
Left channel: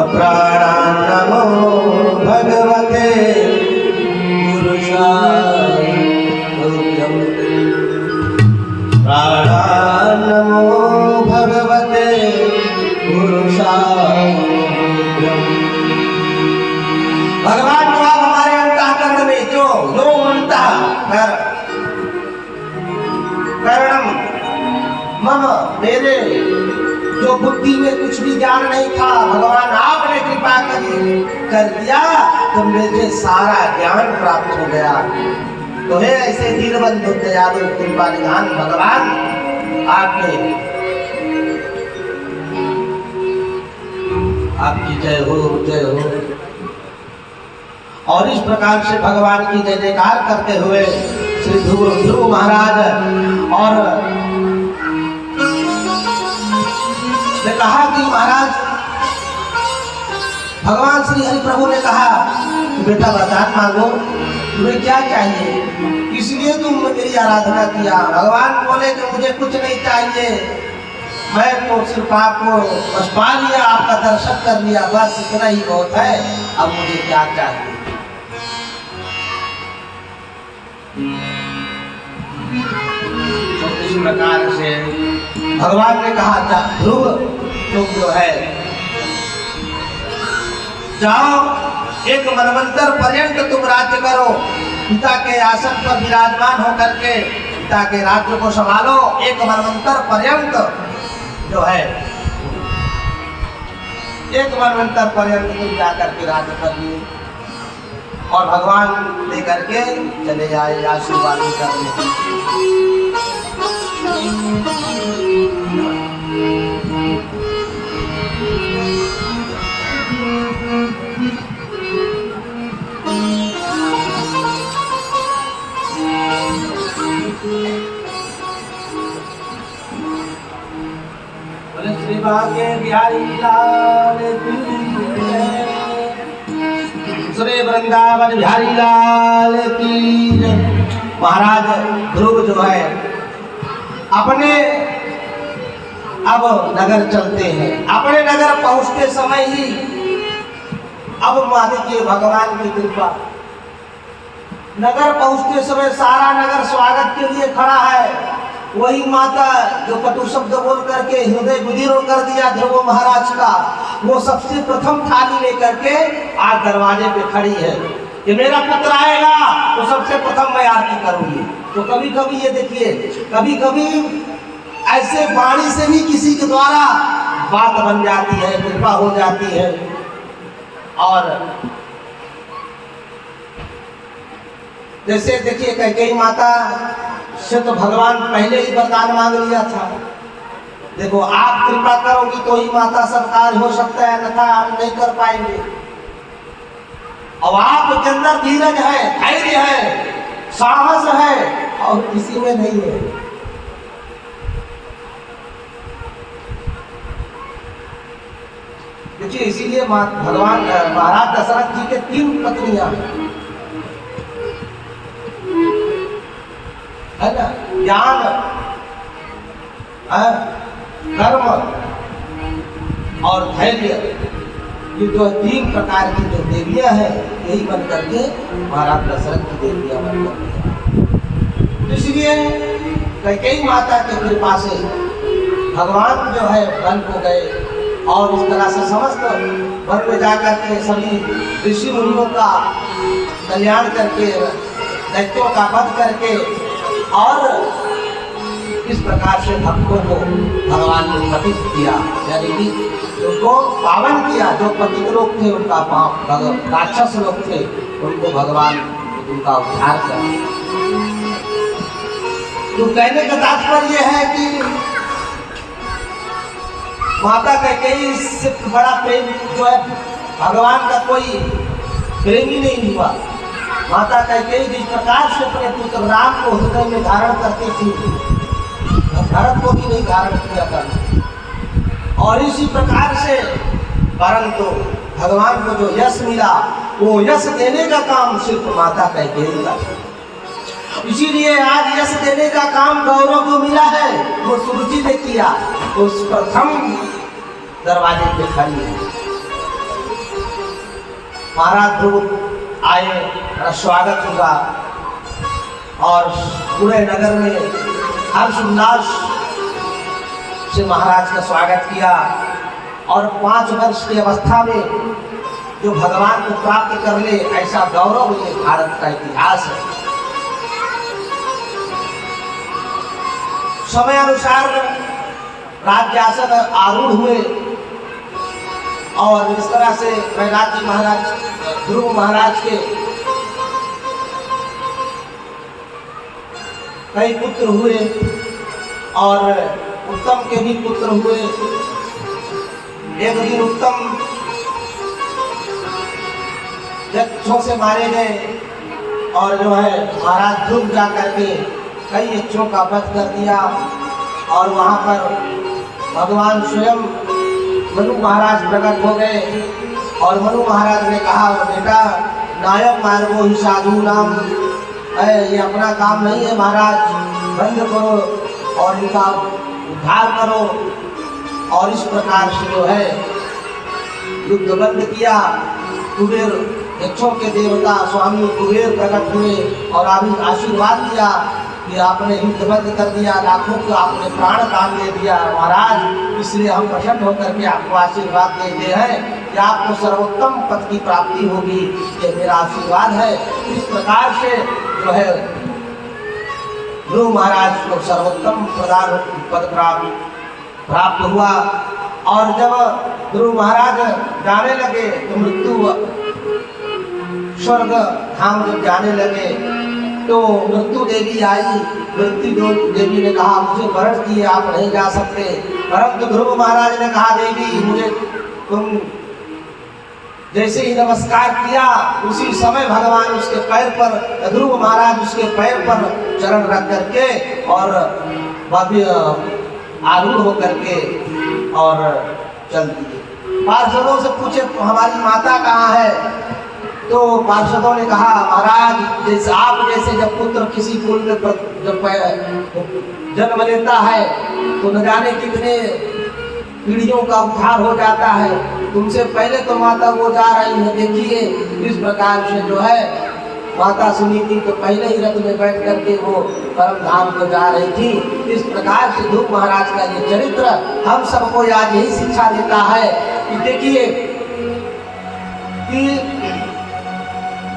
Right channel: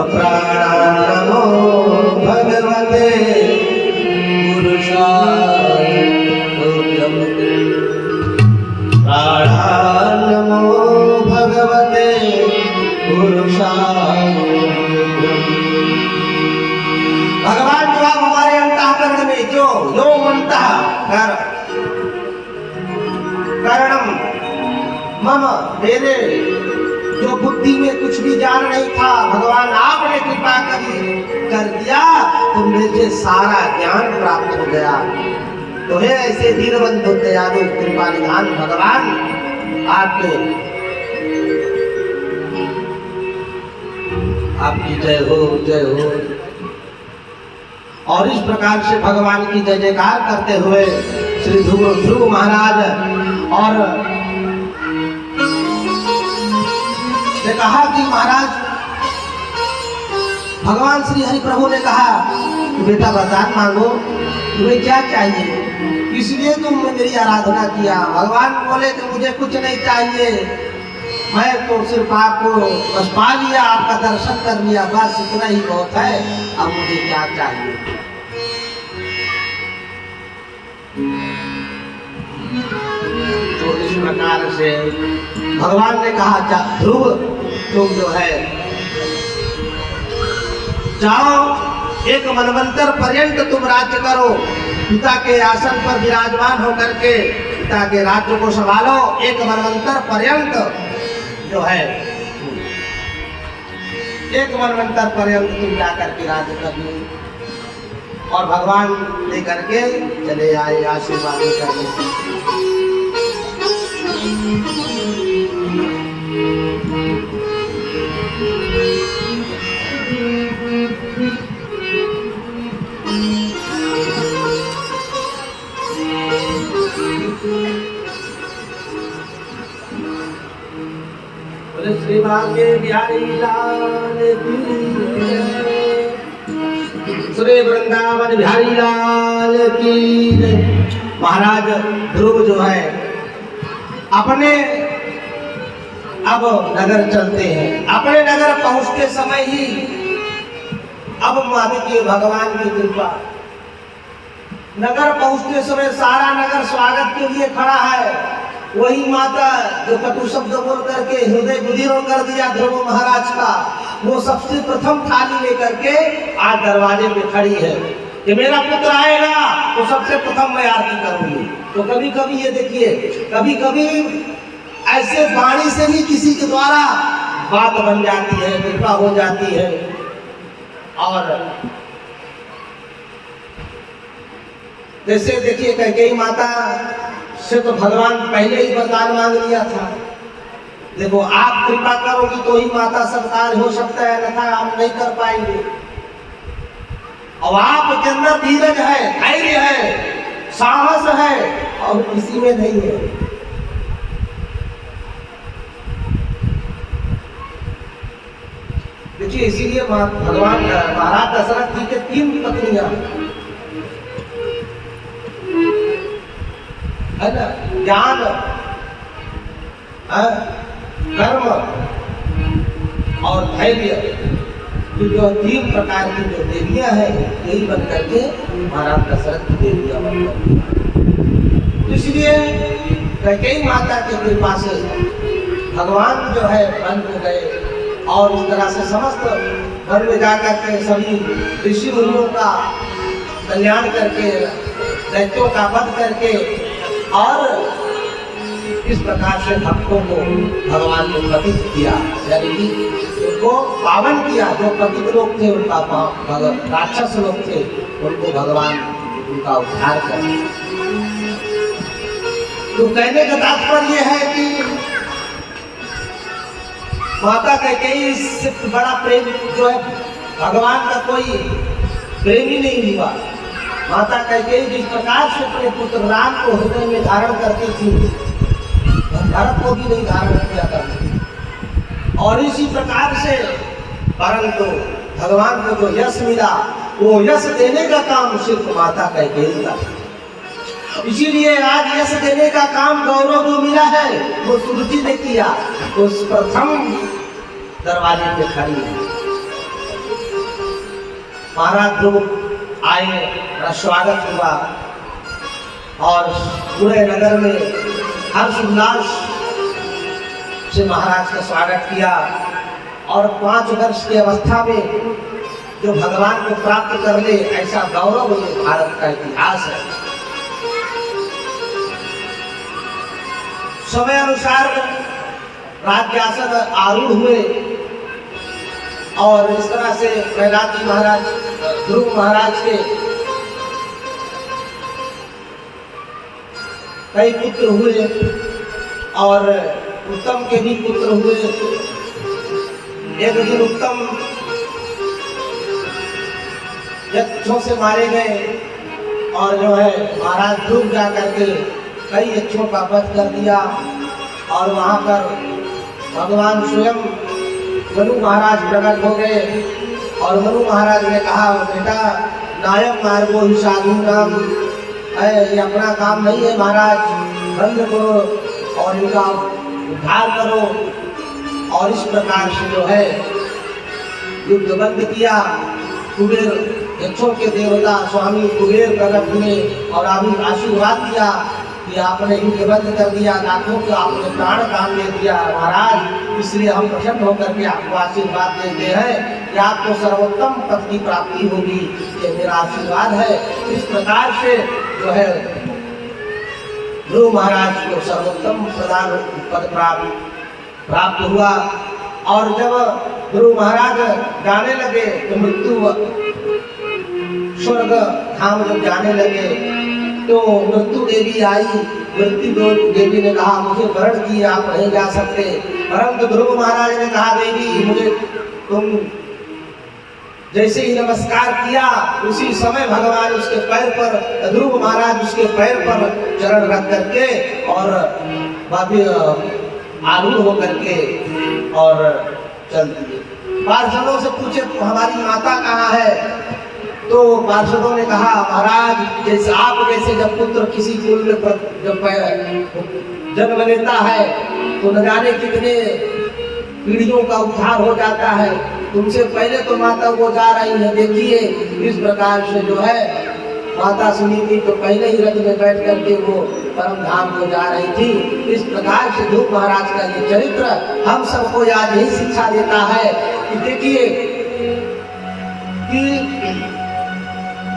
प्राणान्नमो भगवते पुरुषाय तुभ्यं। प्राणान्नमो भगवते पुरुषाय तुभ्यं। भगवान जो आप हमारे अंतःकरण में जो करणम मम, मेरे जो बुद्धि में कुछ भी ज्ञान नहीं था, भगवान आपने कृपा कर दिया तो मुझे सारा ज्ञान प्राप्त हो गया। तो है ऐसे दीनबंधु दयालु कृपा निधान भगवान आपकी जय हो जय हो। और इस प्रकार से भगवान की जय जयकार करते हुए श्री ध्रुव महाराज और ने कहा कि महाराज, भगवान श्री हरि प्रभु ने कहा कि बेटा वरदान मांगो, तुम्हें क्या चाहिए, इसलिए तुम मेरी आराधना किया। भगवान बोले कि मुझे कुछ नहीं चाहिए, मैं तो सिर्फ आपको बस पा लिया, आपका दर्शन कर लिया, बस इतना ही बहुत है, अब मुझे क्या चाहिए। तो इस प्रकार से भगवान ने कहा ध्रुव तुम जो है जाओ, एक मनवंतर पर्यंत तुम राज्य करो, पिता के आसन पर विराजमान होकर के पिता के राज्य को संभालो। एक मनवंतर पर्यंत जो है, एक मनवंतर पर्यंत तुम जाकर के राज्य कर लो। और भगवान लेकर के चले आए आशीर्वाद करने। श्री भाग्य बिहारी लाल की जय। श्री वृंदावन बिहारी लाल की जय। महाराज ध्रुव जो है अपने अब नगर चलते हैं। अपने नगर पहुंचते समय ही अब मान देखिए भगवान की कृपा, नगर पहुंचते समय सारा नगर स्वागत के लिए खड़ा है। वही माता जो कटु शब्द बोल करके हृदय विदीर्ण कर दिया ध्रुव महाराज का, वो सबसे प्रथम थाली लेकर के आज दरवाजे पे खड़ी है कि मेरा पुत्र आएगा तो सबसे प्रथम मैं आरती करूंगी। तो कभी कभी ये देखिए, कभी कभी ऐसे वाणी से भी किसी के द्वारा बात बन जाती है, कृपा हो जाती है। और जैसे देखिए कैकेयी माता से तो भगवान पहले ही वरदान मांग लिया था, देखो आप कृपा करोगी तो ही माता सब कार्य हो सकता है, अन्यथा हम नहीं कर पाएंगे। और आपके अंदर धीरज है, धैर्य है, साहस है और किसी में नहीं है। देखिए इसीलिए भगवान महाराज दशरथ जी के 3 पत्नियां है ना, ज्ञान, कर्म और धैर्य, ये जो 3 प्रकार की जो देवियां हैं यही बन करके महाराज दशरथ की देवियां बन करके। तो इसलिए कैकेयी माता की कृपा से भगवान जो है बन हो गए और इस तरह से समस्त वन में जाकर के सभी ऋषि मुनियों का कल्याण करके, दैत्यों का वध करके और इस प्रकार से भक्तों को भगवान ने पतित किया, यानी कि उनको पावन किया। जो पतित लोग थे उनका राक्षस लोग थे उनको भगवान उनका उद्धार कर। तो कहने का तात्पर्य है कि माता कैकेयी से बड़ा प्रेम जो है भगवान का कोई प्रेमी नहीं हुआ। माता कैकेयी जिस प्रकार से अपने पुत्र राम को हृदय में धारण करती थी, भरत को भी नहीं धारण किया था। और इसी प्रकार से परंतु भगवान को जो यश मिला वो यश देने का काम सिर्फ माता कैकेयी का। इसीलिए आज यश देने का काम गौरव को मिला है, वो सुरुचि ने किया, तो उस प्रथम दरवाजे पे खड़ी है। महाराज ध्रुव आए, स्वागत हुआ और पूरे नगर में हर्ष उल्लास से महाराज का स्वागत किया। और 5 वर्ष की अवस्था में जो भगवान को प्राप्त कर ले, ऐसा गौरव ये भारत का इतिहास है। समय अनुसार राज्यासन आरूढ़ हुए और इस तरह से प्रहलाद जी महाराज, ध्रुव महाराज के कई पुत्र हुए और उत्तम के भी पुत्र हुए। एक दिन उत्तम यक्षों से मारे गए और जो है महाराज ध्रुव जा करके कई यक्षों का वध कर दिया। और वहाँ पर भगवान स्वयं मनु महाराज प्रकट हो गए और मनु महाराज ने कहा, बेटा नायक मार्गो ही साधु नाम है, ये अपना काम नहीं है महाराज, बंद करो और इनका उद्धार करो। और इस प्रकार से जो है युद्ध बंद किया। कुबेर यक्षों के देवता स्वामी कुबेर प्रकट हुए और अभी आशीर्वाद दिया कि आपने युद्ध बंद कर दिया, लाखों को आपने प्राण दान दे दिया महाराज, इसलिए हम प्रसन्न होकर के आपको आशीर्वाद देते हैं कि आपको सर्वोत्तम पद की प्राप्ति होगी, ये मेरा आशीर्वाद है। इस प्रकार से जो है ध्रुव महाराज को सर्वोत्तम प्रदान पद प्राप्त हुआ। और जब ध्रुव महाराज जाने लगे तो मृत्यु स्वर्ग धाम जब जाने लगे तो मृत्यु देवी आई। मृत्यु देवी ने कहा, मुझे मरण किए आप नहीं जा सकते। परंतु ध्रुव महाराज ने कहा, देवी मुझे तुम जैसे ही नमस्कार किया उसी समय भगवान उसके पैर पर, ध्रुव महाराज उसके पैर पर चरण रख करके और आरूढ़ होकर के और चल दिए। पार्षदों से पूछे हमारी माता कहाँ है, तो पार्षदों ने कहा महाराज जैसे आप जैसे जब पुत्र किसी कुल में जब जन्म लेता है तो न जाने कितने पीढ़ियों का उद्धार हो जाता है। तुमसे पहले तो माता वो जा रही है, देखिए इस प्रकार से जो है माता सुनी थी तो पहले ही रथ में बैठ करके वो परम धाम को जा रही थी। इस प्रकार से ध्रुव महाराज का ये चरित्र हम सबको आज यही शिक्षा देता है कि देखिए कि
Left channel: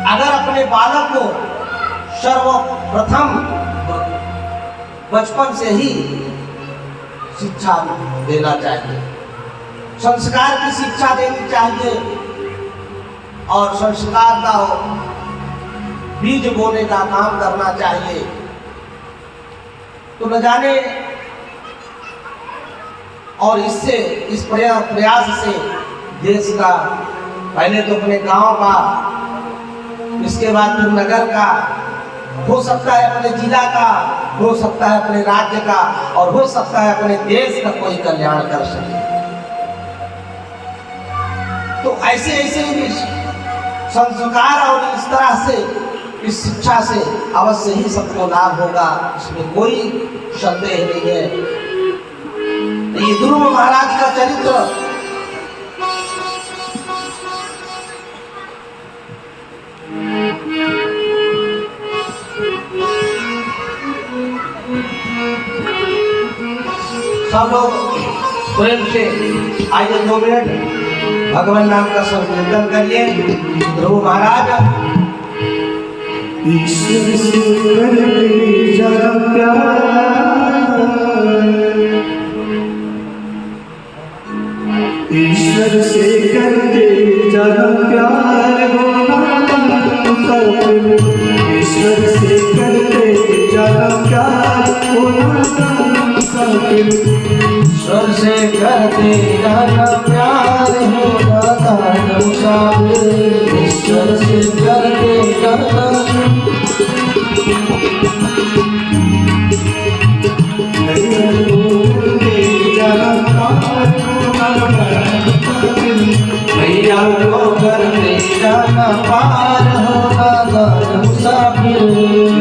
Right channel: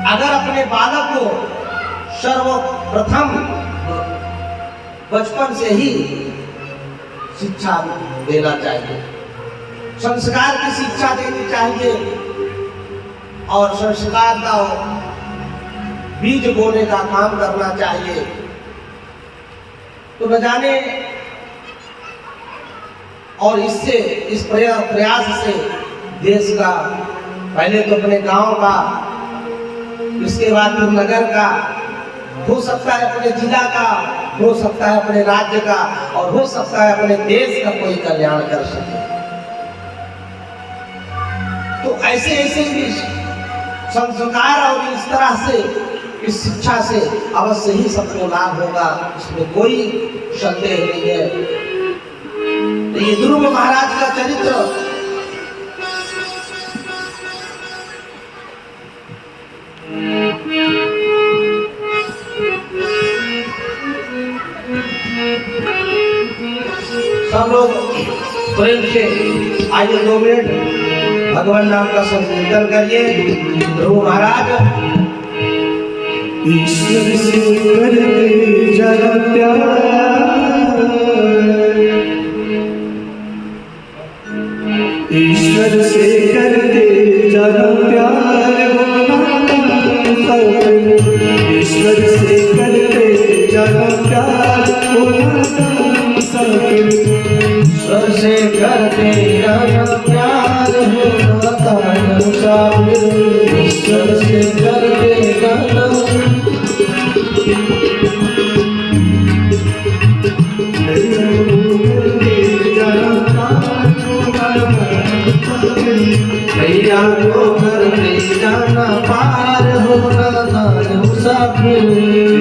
अगर अपने बालक को सर्वप्रथम बचपन से ही शिक्षा देना चाहिए, संस्कार की शिक्षा देनी चाहिए और संस्कार का बीज बोने का काम करना चाहिए। तो न जाने और इससे इस प्रयास से देश का पहले तो अपने गांव का, इसके बाद फिर नगर का, हो सकता है अपने जिला का, हो सकता है अपने राज्य का और हो सकता है अपने देश का कोई कल्याण कर सके। तो ऐसे ऐसे ही संस्कार और इस तरह से इस शिक्षा से अवश्य ही सबको लाभ होगा, इसमें कोई संदेह नहीं है। तो ये ध्रुव महाराज का चरित्र सब लोग प्रेम से आइए 2 मिनट भगवान नाम का संकीर्तन करिए। ध्रुव महाराज ईश्वर से करते जरा प्यार, ईश्वर से करते जरा प्यार होना मुसाफिर, ईश्वर से करते जरा प्यार होना मुसाफिर, ईश्वर से करते जाना प्यार होना मुसाफिर, ईश्वर से करते जाना भैया को करते जाना पार होना मुसाफिर,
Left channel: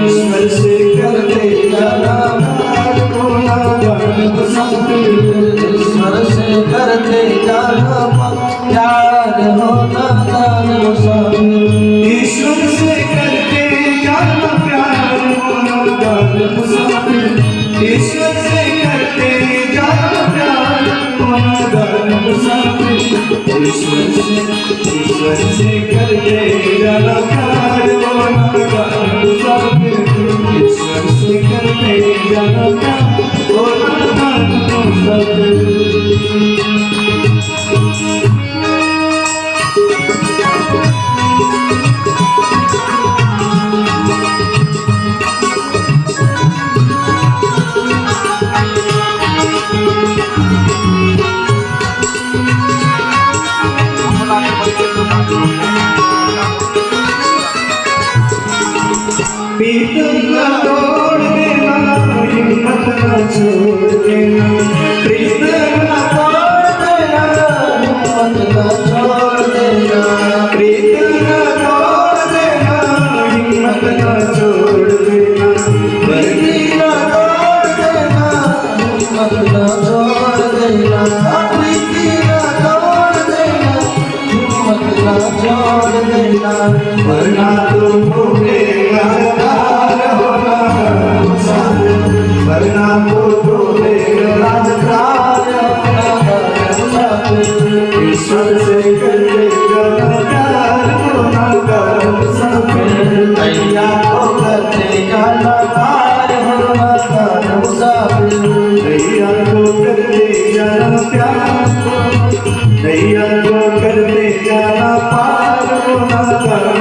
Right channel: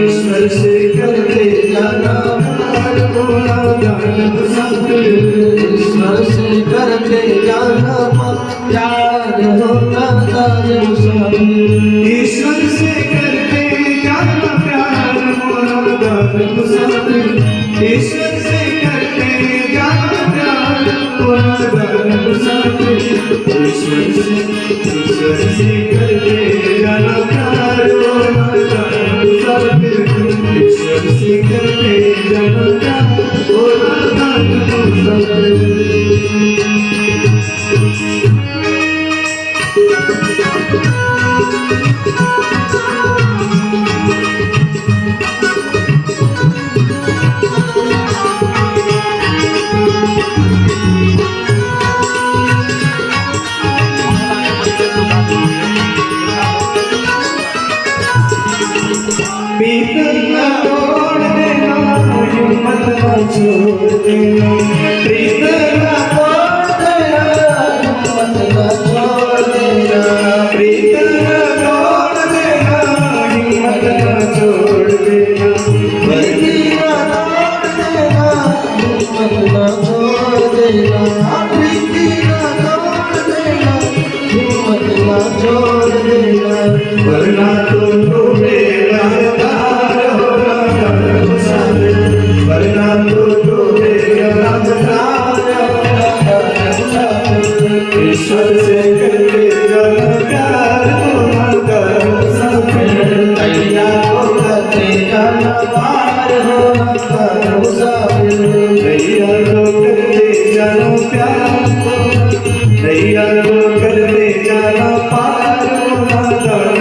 ईश्वर से करते जाना प्यार होना मुसाफिर, ईश्वर से करते जाना प्यार होना मुसाफिर, ईश्वर से करते जाना प्यार होना मुसाफिर, ईश्वर से करते जाना प्यार होना मुसाफिर, ईश्वर से करते जाना प्यार होना मुसाफिर, ईश्वर से करते जाना प्यार होना मुसाफिर। प्रीतम न तोड़ देना, हिम्मत न छोड़ देना, प्रीतम न तोड़ देना, हिम्मत न छोड़ देना, प्रीतम न तोड़ देना, हिम्मत न छोड़ देना, प्रीति न तोड़ देना, हिम्मत न छोड़ देना, प्रीति न तोड़ देना, हिम्मत न छोड़ देना, वरना तो डूबेगा राजदार होना मुसाफिर, वरना तो डूबेगा राजदार होना मुसाफिर, ईश्वर से करते जाना प्यार होना मुसाफिर, भैया को करते जाना पार होना मुसाफिर, भैया को करते जाना प्यार होना, भैया को करते जाना पार होना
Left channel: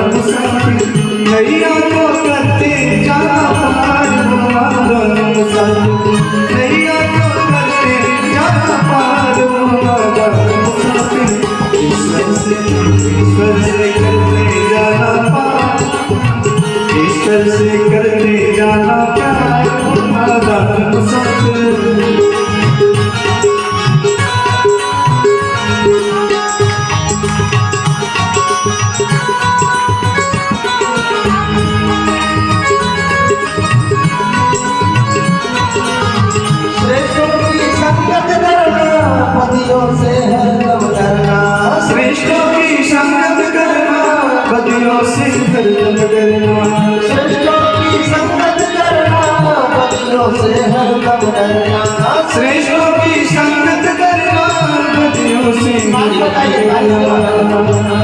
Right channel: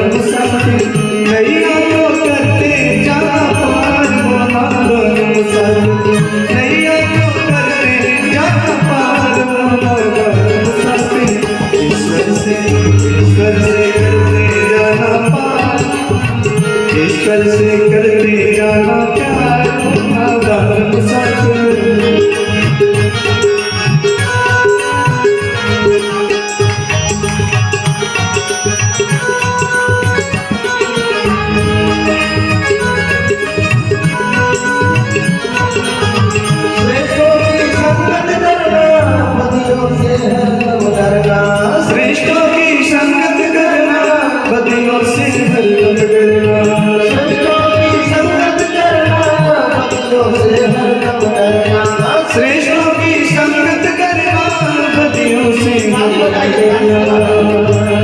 मुसाफिर, भैया को करते जाना पार होना मुसाफिर। हरदम डरना। श्रेष्ठों की संगत करना, बदियों से ताली बजाइए, ताली बजाइए।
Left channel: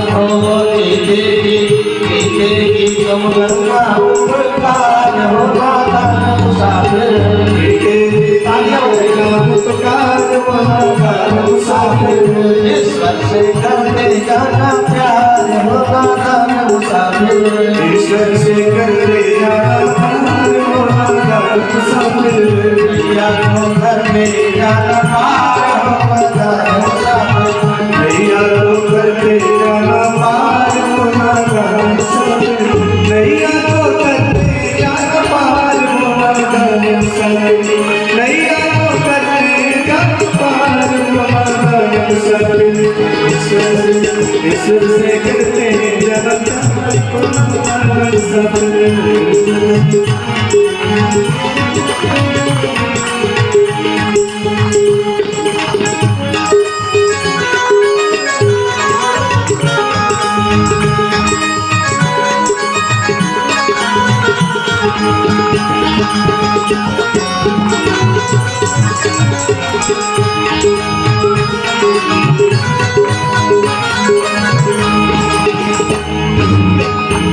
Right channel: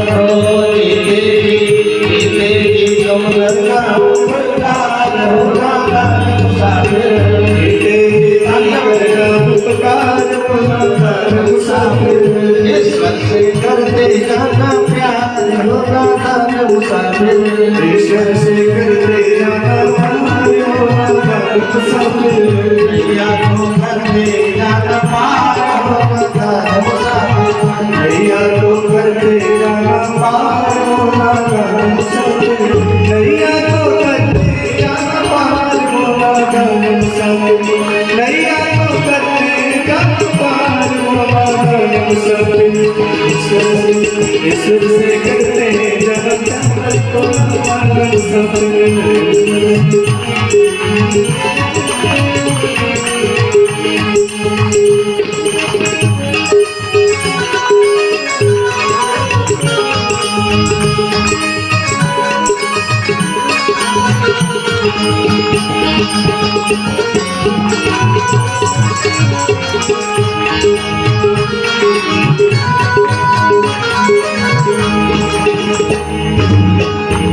जीते जी तुम करना उपकार होगा मुसाफिर। तालियां बजाइए। ईश्वर से करते जाना प्यार होगा मुसाफिर। ईश्वर से करते जाना प्यार होगा मुसाफिर। या तो घर में जाना पार होगा मुसाफिर। नैया तो करते जाना पार होगा मुसाफिर। नैया तो करते जाना पार होगा मुसाफिर। नैया तो करते जाना पार होगा मुसाफिर। ईश्वर से करते जाना प्यार होगा मुसाफिर।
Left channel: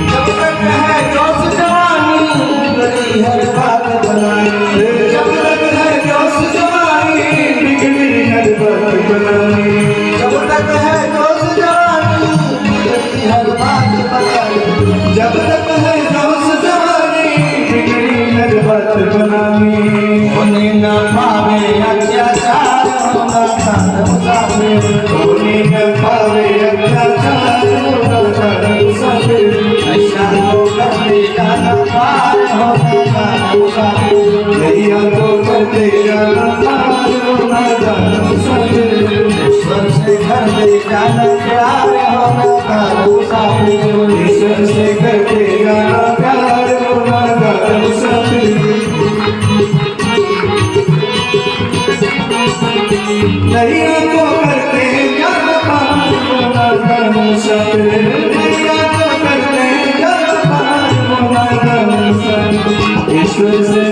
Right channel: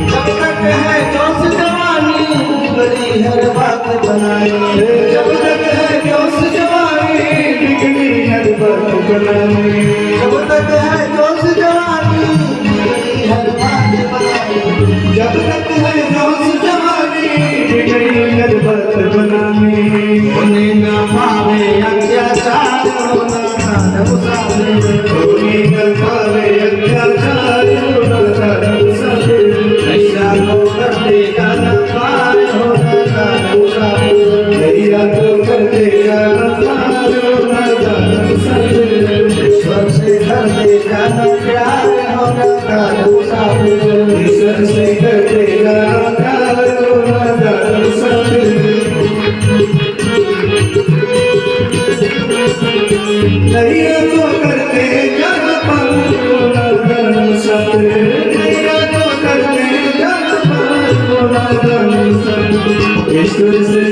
जब तक है जोश जवानी गली हर बात बनानी। जब तक है जोश जवानी, बिगड़ी हर बात बनानी। जब तक है जोश जवानी गली हर बात बनानी। जब तक है जोश जवानी, बिगड़ी हर बात बनानी। होने न पावे अत्याचार होना खान मुसाफिर। होने न पावे अत्याचार होना खान मुसाफिर। नशा तो करते जाना पार होना खान मुसाफिर। नैया तो करते जाना पार होना खान मुसाफिर। ईश्वर से घर में जाना प्यार होना खान मुसाफिर। ईश्वर से करते जाना प्यार होना खान मुसाफिर। नैया तो करते जाना पार होना खान मुसाफिर। नैया तो करते जाना पार होना खान मुसाफिर। ईश्वर से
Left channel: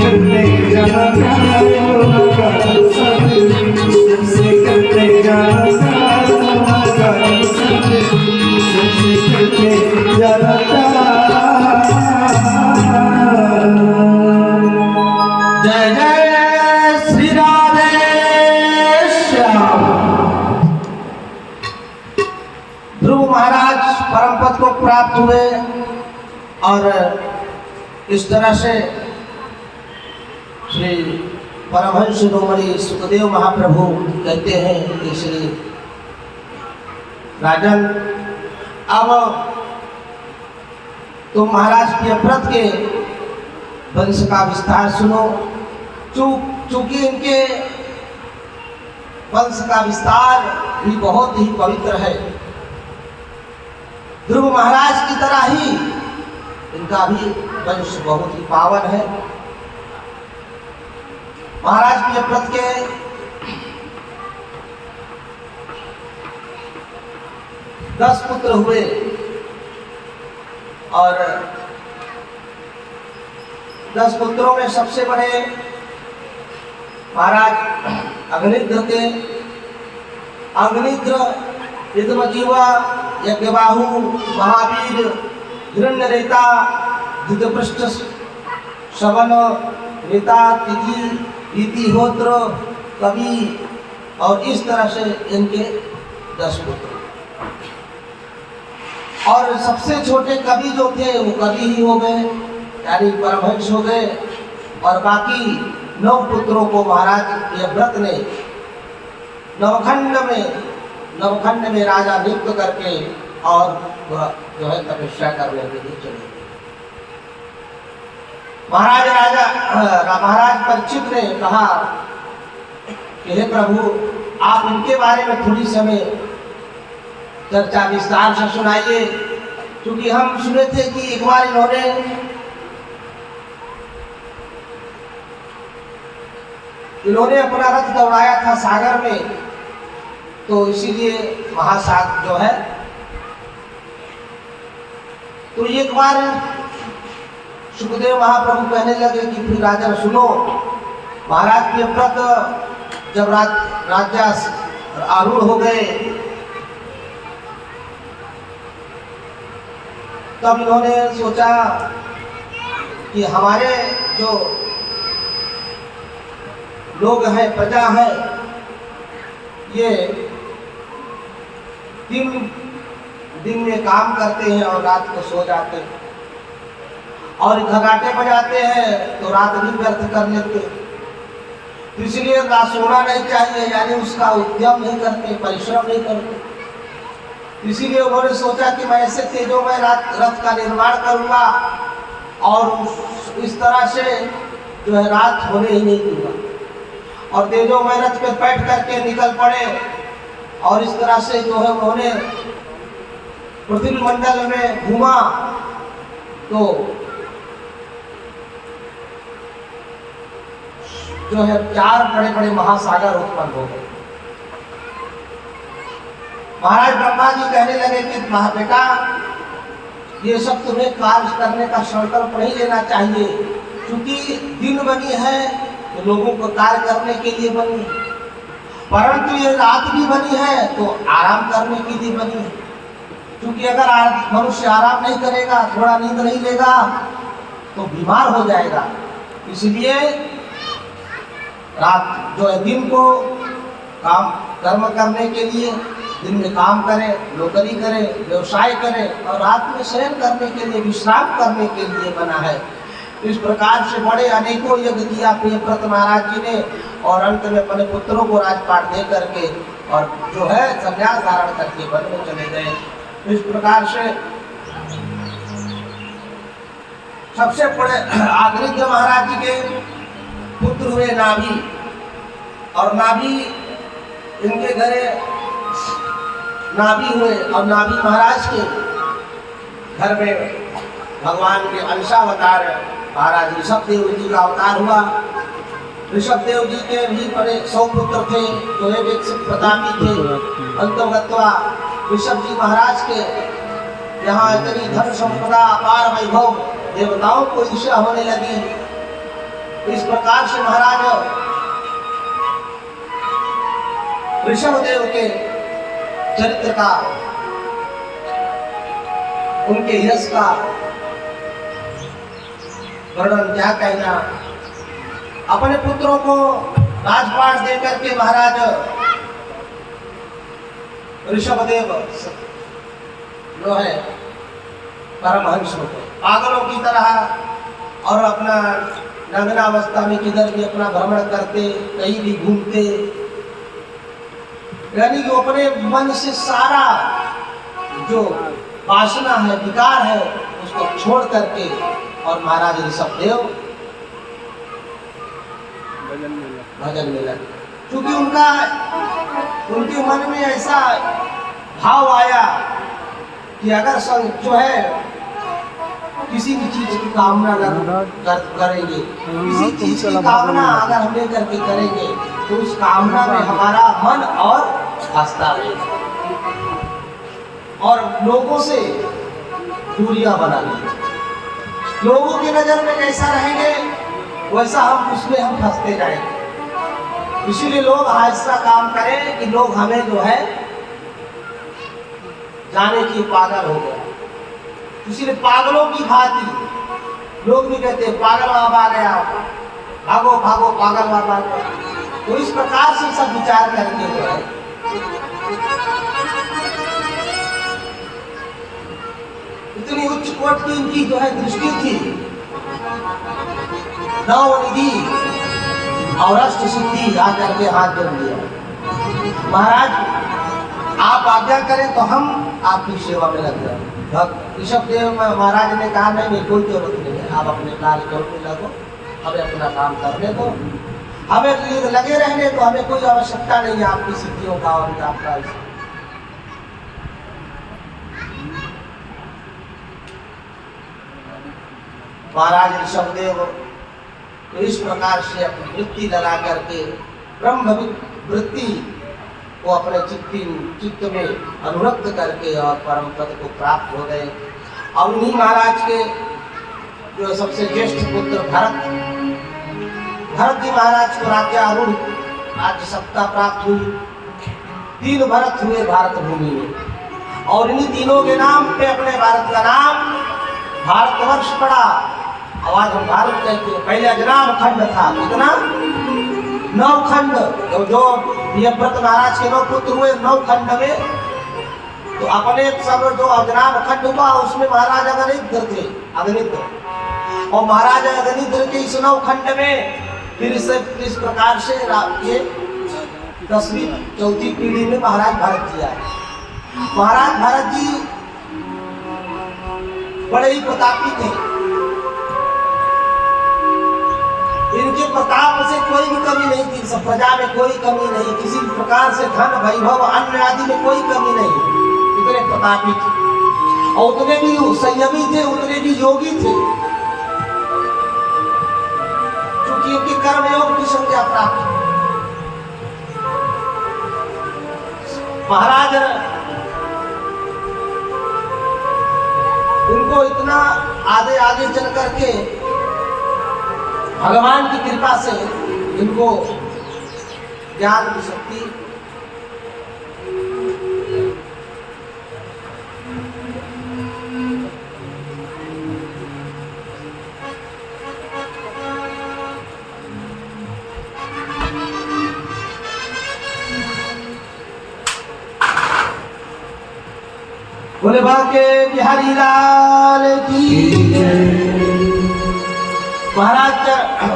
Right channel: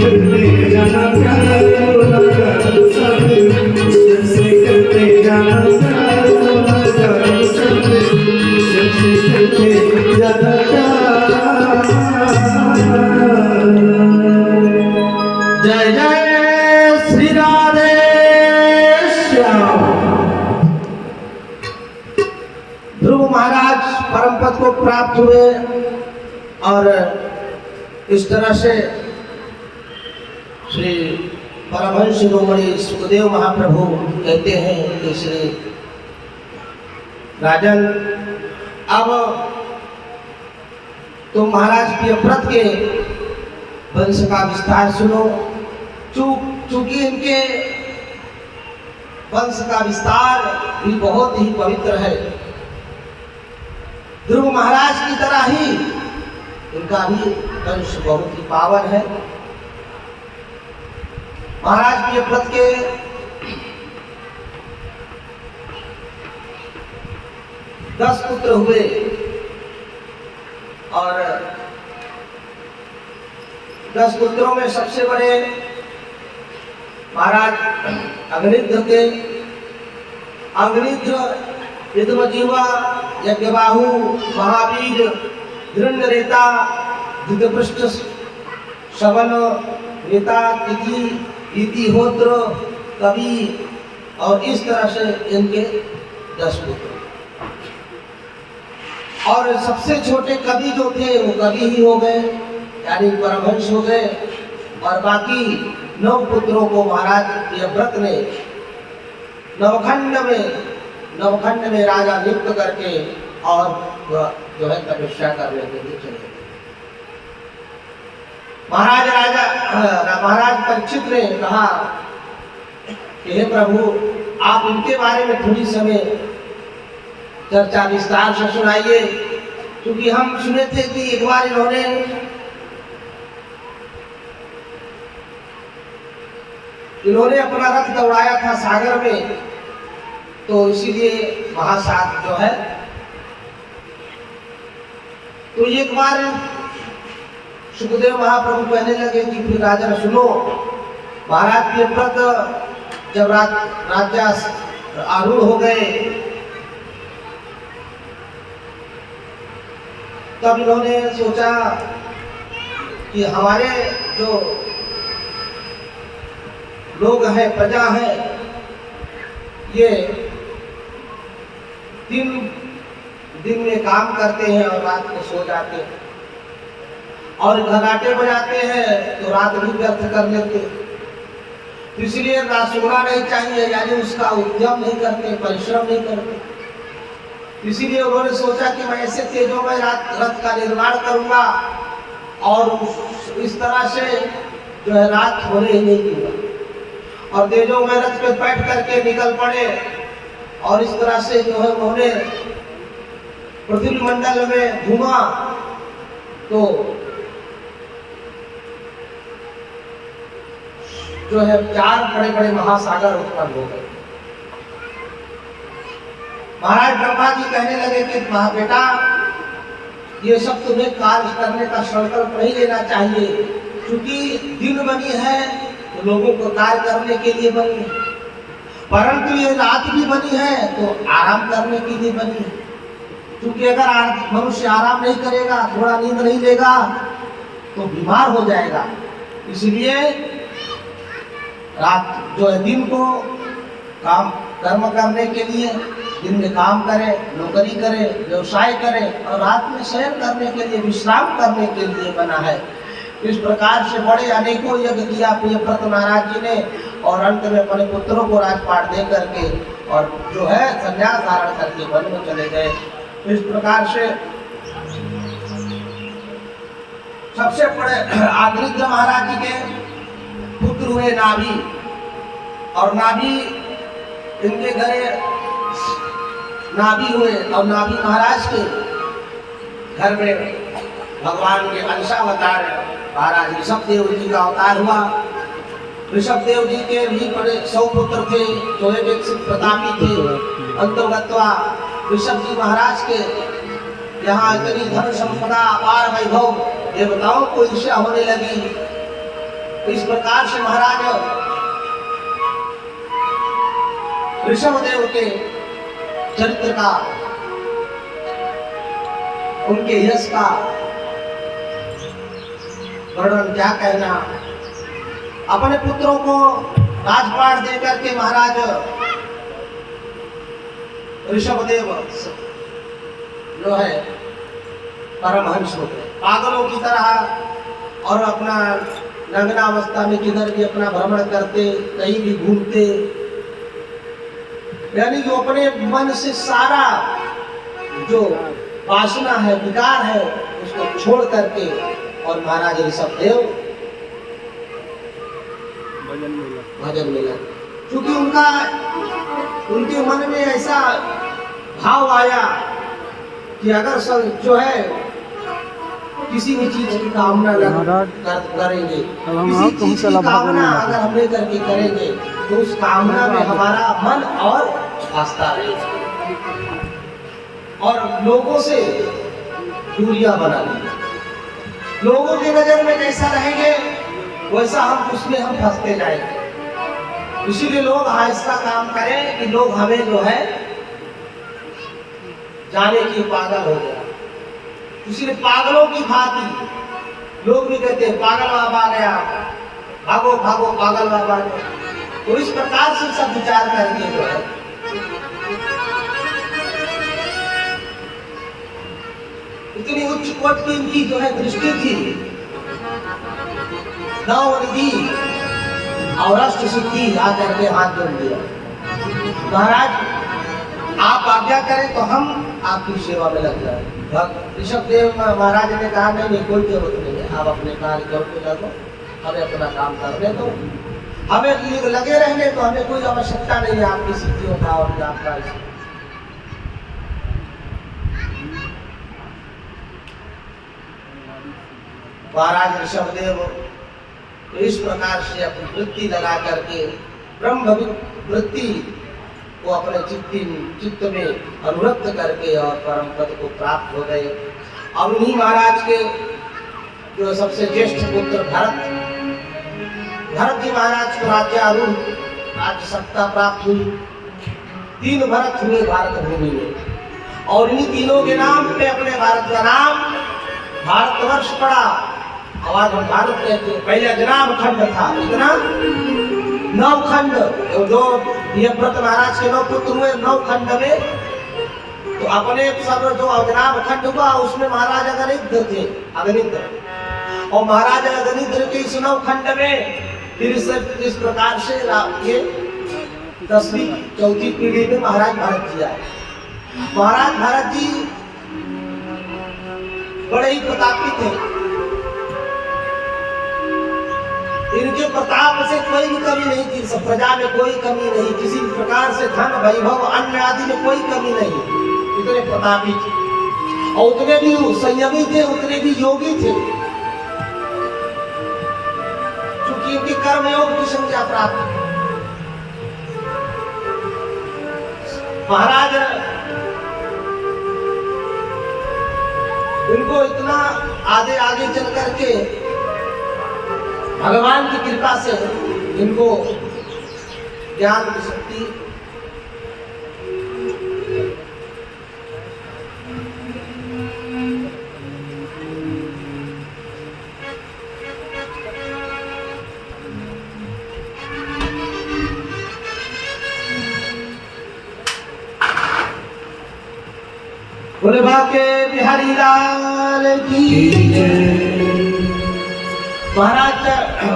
करते जाना प्यार होना खान मुसाफिर। ईश्वर से करते जाना प्यार होना खान मुसाफिर। ईश्वर से करते जाना प्यार। जय जय श्री राधे श्याम। ध्रुव महाराज परम पद को प्राप्त हुए और इस तरह से श्री परमहंस शिरोमणि सुखदेव महाप्रभु कहते हैं कि श्री राजन, अब तुम महाराज प्रियव्रत के वंश का विस्तार सुनो। चूंकि इनके वंश का विस्तार भी बहुत ही पवित्र है, ध्रुव महाराज की तरह ही इनका भी वंश बहुत ही पावन है। महाराज प्रियव्रत के 10 पुत्र हुए और 10 पुत्रों में सबसे बड़े महाराज अग्निद्र थे। अग्निद्र यदुवजीवा, यज्ञबाहु, महावीर, हिरण्यरेता, धृतपृष्ठ, शवन, नेता, तिथि, इतिहोत्र, कवि और इस तरह से इनके 10 पुत्र। और सबसे छोटे कवि जो थे वो कवि ही हो गए, यानी परमहंस हो गए। और बाकी 9 पुत्रों को महाराज प्रियव्रत ने नवखंड में राजा नियुक्त करके और जो है तपस्या करने के लिए चले गए। महाराज परीक्षित ने कहा कि हे प्रभु, आप इनके बारे में थोड़ी समय चर्चा विस्तार से सुनाइए, क्योंकि हम सुने थे कि एक बार इन्होंने अपना रथ दौड़ाया था सागर में, तो इसीलिए महासागर जो है, तो एक बार सुखदेव महाप्रभु कहने लगे कि फिर राजन सुनो, महाराज प्रियव्रत जब राज्य आरूढ़ हो गए तब इन्होंने सोचा कि हमारे जो लोग हैं, प्रजा है, ये दिन में काम करते हैं और रात को सो जाते हैं, और घराटे बजाते हैं तो रात भी व्यर्थ कर लेते हैं। तो इसलिए रात सोना नहीं चाहिए, यानी उसका उद्यम नहीं करते, परिश्रम नहीं करते। इसीलिए उन्होंने सोचा कि मैं ऐसे तेजोमय रथ का निर्माण करूंगा और इस तरह से जो है रात होने ही नहीं दूंगा, और तेजोमय रथ पे बैठ करके निकल पड़े। और इस तरह से जो है उन्होंने पृथ्वी मंडल में घूमा तो जो है 4 बड़े बड़े महासागर उत्पन्न हो गए। महाराज ब्रह्मा जी कहने लगे कि बेटा, ये सब तुम्हें कार्य करने का संकल्प नहीं लेना चाहिए, क्योंकि दिन बनी है तो लोगों को कार्य करने के लिए बनी है, परंतु ये रात भी बनी है तो आराम करने के लिए बनी है। क्योंकि अगर मनुष्य आराम नहीं करेगा, थोड़ा नींद नहीं लेगा तो बीमार हो जाएगा। इसलिए रात जो है दिन को कर्म करने के लिए, दिन में काम करे, नौकरी करे, व्यवसाय करे, और रात में शयन करने के लिए, विश्राम करने के लिए बना है। इस प्रकार से बड़े अनेकों यज्ञ किया प्रियव्रत महाराज जी ने, और अंत में अपने पुत्रों को राजपाट दे करके और जो है संन्यास धारण करके वन में चले गए। इस प्रकार से सबसे बड़े आदित्य महाराज जी के पुत्र हुए नाभि, और नाभि इनके घरे नाभि हुए, और नाभि महाराज के घर में भगवान के अंशावतार महाराज ऋषभ देव जी का अवतार हुआ। ऋषभ देव जी के भी बड़े 100 पुत्र थे, जो एक प्रतापी थे। अंतर्गतवा ऋषभ जी महाराज के यहाँ इतनी धन संपदा, अपार वैभव, देवताओं को ईर्ष्या होने लगी। इस प्रकार से महाराज ऋषभ देव के चरित्र का, उनके यश का वर्णन क्या कहना। अपने पुत्रों को राजपाट देकर के महाराज ऋषभदेव जो है परमहंस होते, पागलों की तरह, और अपना नग्नावस्था में किधर भी अपना भ्रमण करते, कहीं भी घूमते, यानी कि अपने मन से सारा जो वासना है, विकार है, उसको छोड़ करके, और महाराज ऋषभदेव भजन में लगे। क्योंकि उनके मन में ऐसा भाव आया कि अगर जो है किसी भी चीज की कामना करेंगे, किसी चीज की कामना अगर हम लेकर के करेंगे तो उस कामना में हमारा मन और आस्था रहेगा, और लोगों से दूरियां बना ली। लोगों की नजर में कैसा रहेंगे वैसा उसमें हम फंसते जाएंगे। इसीलिए लोग ऐसा काम करें कि लोग हमें जो है जाने की पागल हो गया। इसीलिए पागलों की भांति लोग भी कहते हैं पागल बाबा आ गया, भागो भागो पागल बाबा आ गया। तो इस प्रकार से सब विचार करके जो है इतनी उच्च कोट की इनकी जो है दृष्टि थी। नवनिधि और अष्ट सिद्धि आकर के हाथ जोड़ दिया, महाराज आप आज्ञा करें तो हम आपकी सेवा में लग जाए। ऋषभदेव महाराज ने कहा नहीं, कोई जरूरत नहीं है, आप अपने कार्य में लगो, हमें अपना काम करने दो, हमें लगे रहने तो हमें कोई आवश्यकता नहीं है आपकी सिद्धियों का और आपका। महाराज ऋषभदेव इस प्रकार से अपनी वृत्ति लगा करके ब्रह्म वृत्ति को अपने चित्त में अनुरक्त करके और परम पद को प्राप्त हो गए। और उन्हीं महाराज के जो सबसे ज्येष्ठ पुत्र भरत जी महाराज को राज्यारूढ़ राज्य सत्ता प्राप्त हुई। 3 भरत हुए भारत भूमि में और इन्हीं तीनों के नाम पे अपने भारत का नाम भारतवर्ष पड़ा। और आज हम भारत कहते हैं। पहले अजनाब खंड था, कितना 9 खंड। जो यमव्रत महाराज के 9 पुत्र हुए 9 खंड में, तो अपने सब जो अजनाब खंड हुआ उसमें महाराजा अगनिद्र थे, अगनिद्र। और महाराजा अगनिद्र के इस 9 खंड में फिर इस प्रकार से ये 10वीं 4थी पीढ़ी में महाराज भरत जी आए। महाराज भरत जी बड़े ही प्रतापी थे। इनके प्रताप से कोई भी कमी नहीं थी, सब प्रजा में कोई कमी नहीं, किसी भी प्रकार से धन वैभव अन्न आदि में कोई कमी नहीं। इतने प्रतापी थे और उतने भी संयमी थे, उतने भी योगी थे, क्योंकि इनके कर्मयोग की संज्ञा प्राप्त। महाराज उनको इतना आगे चल करके भगवान की कृपा से इनको ज्ञान की शक्ति बोले बाके बिहारी लाल की जय।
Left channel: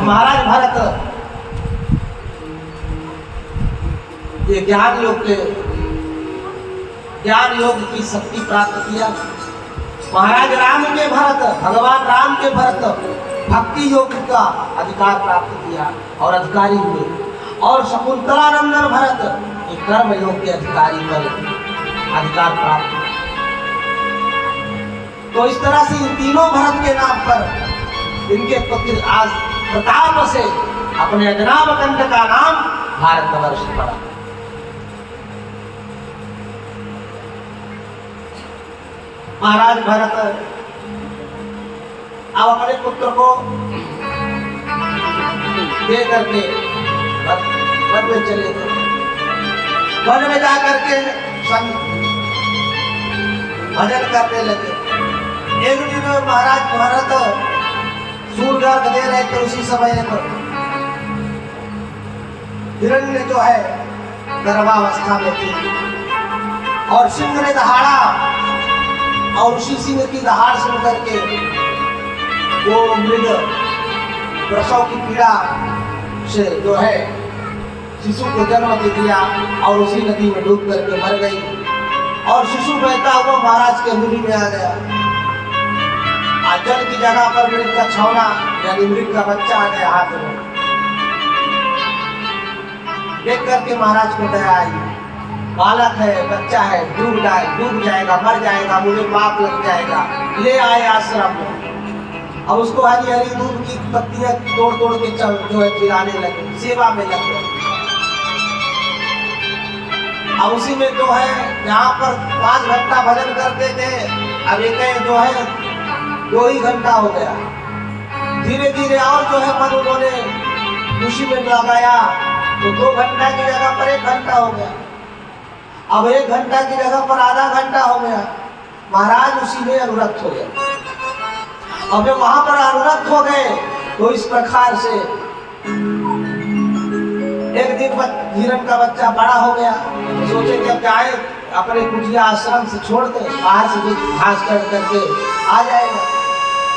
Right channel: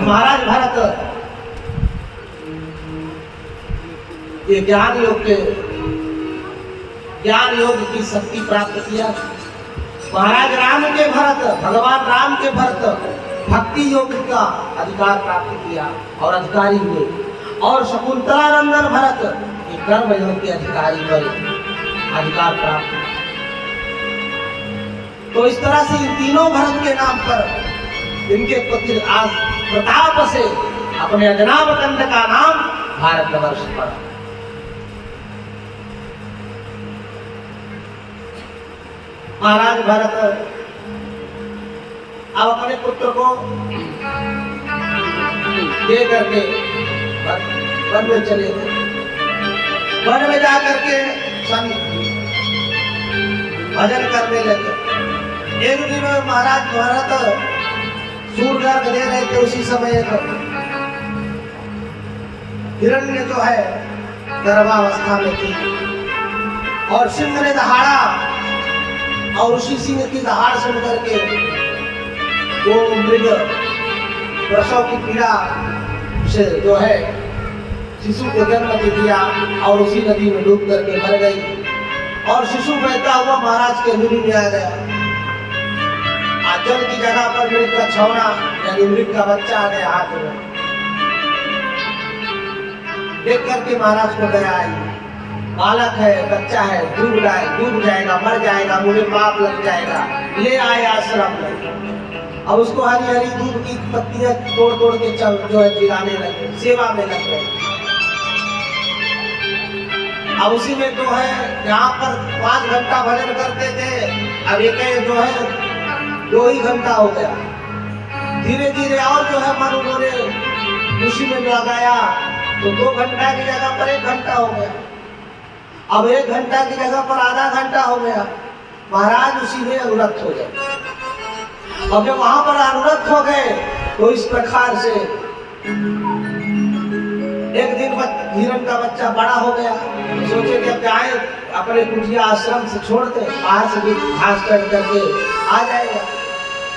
महाराज भरत ये ज्ञान योग की शक्ति प्राप्त किया। महाराज राम के भरत, भगवान राम के भरत भक्ति योग का अधिकार प्राप्त किया और अधिकारी हुए। और शकुंतलानंदन भरत ये कर्म योग के अधिकारी पर अधिकार प्राप्त किया। तो इस तरह से इन तीनों भरत के नाम पर इनके पुत्र आज प्रताप से अपने अजनाब खंड का नाम भारतवर्ष पड़ा। महाराज भरत अब अपने पुत्र को दे करके वन में चले गए। वन में जाकर के भजन करने लगे। एक दिन महाराज भरत सूर्य अर्घ दे रहे थे। उसी समय एक हिरण्य जो है गर्भावस्था में थी और सिंह ने दहाड़ा और उसी सिंह की दहाड़ सुन करके वो मृग प्रसव की पीड़ा से जो है शिशु को जन्म दे दिया और उसी नदी में डूब करके मर गई। और शिशु बहता हुआ महाराज के मुनि में आ गया। जल की जगह पर मृग का छौना यानी मृग का बच्चा आ गया हाथ में। देख करके महाराज को दया आई। बालक है, बच्चा है, डूब जाएगा, मर जाएगा, मुझे पाप लग जाएगा। ले आए आश्रम में। अब उसको हरी हरी दूध की पत्तियां तोड़ तोड़ के जो है खिलाने लगे, सेवा में लग गए। अब उसी में जो है यहाँ पर 5 घंटा भजन करते थे, अब एक जो है 2 ही घंटा हो गया। धीरे धीरे और जो है मन उन्होंने उसी में लगाया तो 2 घंटा की जगह पर 1 घंटा हो गया। अब 1 घंटा की जगह पर आधा घंटा हो गया। महाराज उसी में अनुरक्त हो गए। अब जब वहां पर अनुरक्त हो गए तो इस प्रकार से एक दिन हिरण का बच्चा बड़ा हो गया। तो सोचे कि अब जाए अपने कुटिया आश्रम से छोड़ दे, बाहर से भी घास काट करके आ जाएगा।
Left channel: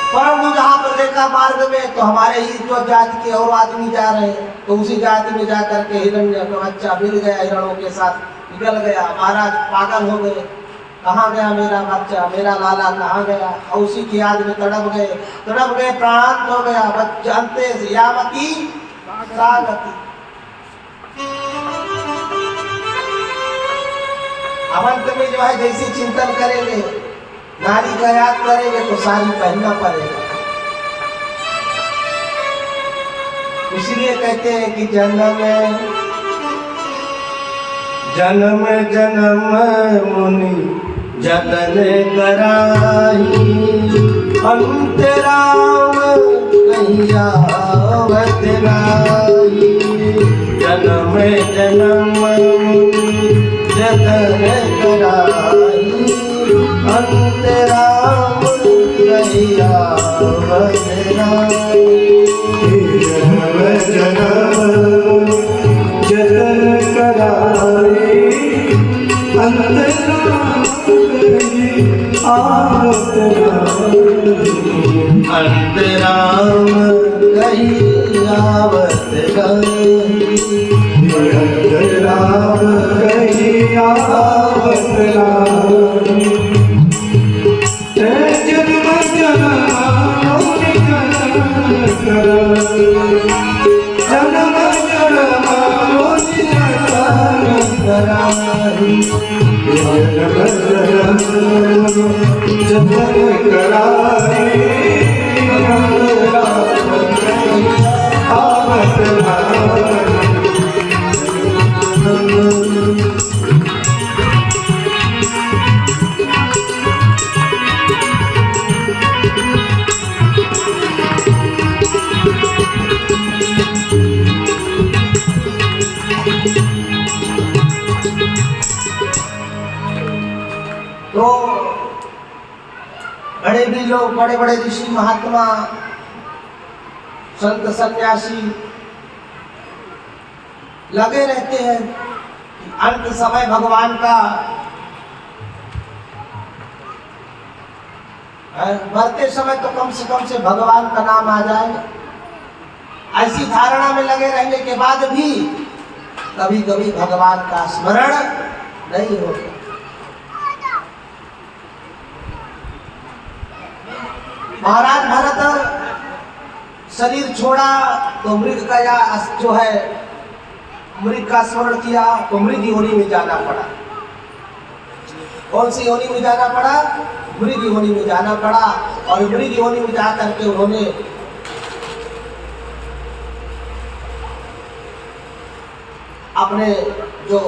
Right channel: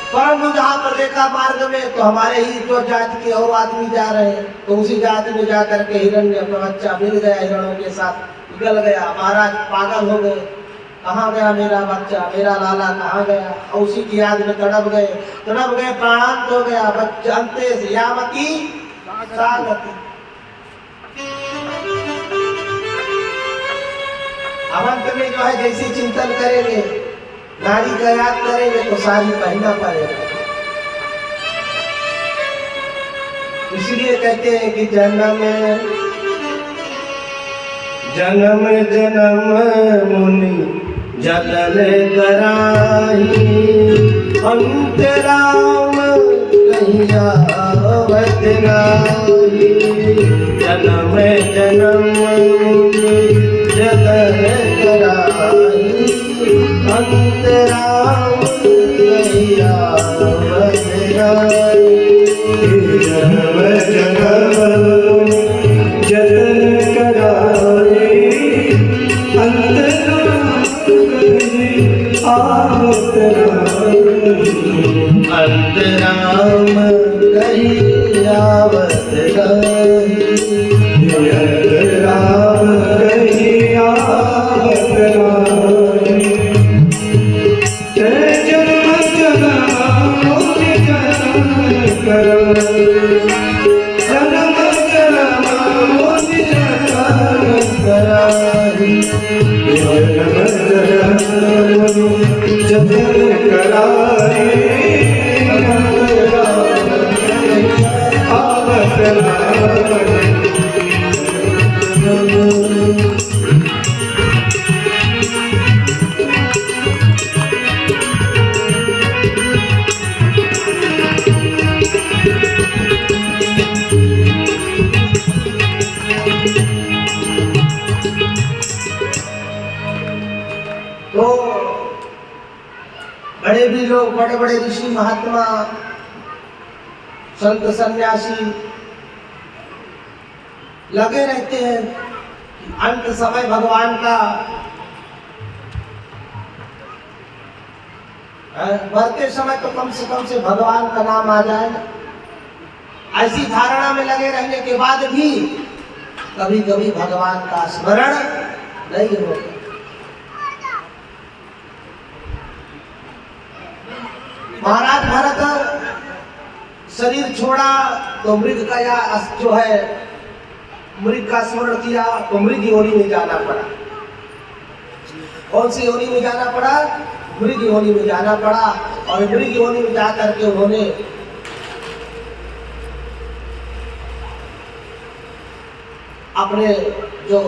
परंतु जहाँ पर देखा मार्ग में तो हमारे ही जो जाति के और आदमी जा रहे हैं, तो उसी जाति में जा करके हिरण्य का बच्चा मिल गया, हिरणों के साथ निकल गया। महाराज पागल हो गए, कहाँ गया मेरा बच्चा, मेरा लाला कहाँ गया। और उसी की याद में तड़प गए, प्राणांत हो गया। बच्चा अंते से यामती सागती। अब अंत में जो है जैसे चिंतन करेंगे, नारी का याद करेंगे तो साड़ी पहनना पड़ेगा। इसलिए कहते हैं कि जन्म जन्म मुनि जतन कराई, अंतराम कहीं आवत नाही। जन्म जन्म जतन कराई अंतराम कहीं आवत नाही। जन्म जन्म जतन कराए अंतराम कहीं आवत नाही। अंतराम कहीं आवत नाही। अंतराम कहीं आवत नाही। जन्म जन्म जतन कराए जन्म जन्म जतन कराए जन्म जन्म जतन कराए आवत नाही। तो बड़े भी लोग, बड़े बड़े ऋषि महात्मा संत सन्यासी लगे रहते हैं। अंत समय भगवान का मरते समय तो कम से भगवान का नाम आ जाए, ऐसी धारणा में लगे रहने के बाद भी कभी कभी भगवान का स्मरण नहीं होता। महाराज भरत शरीर छोड़ा तो मृग का या जो है मृग का स्मरण किया तो मृग योनि में जाना पड़ा। कौन सी योनि में जाना पड़ा? मृग योनि में जाना पड़ा। और मृग योनि में जा करके उन्होंने अपने जो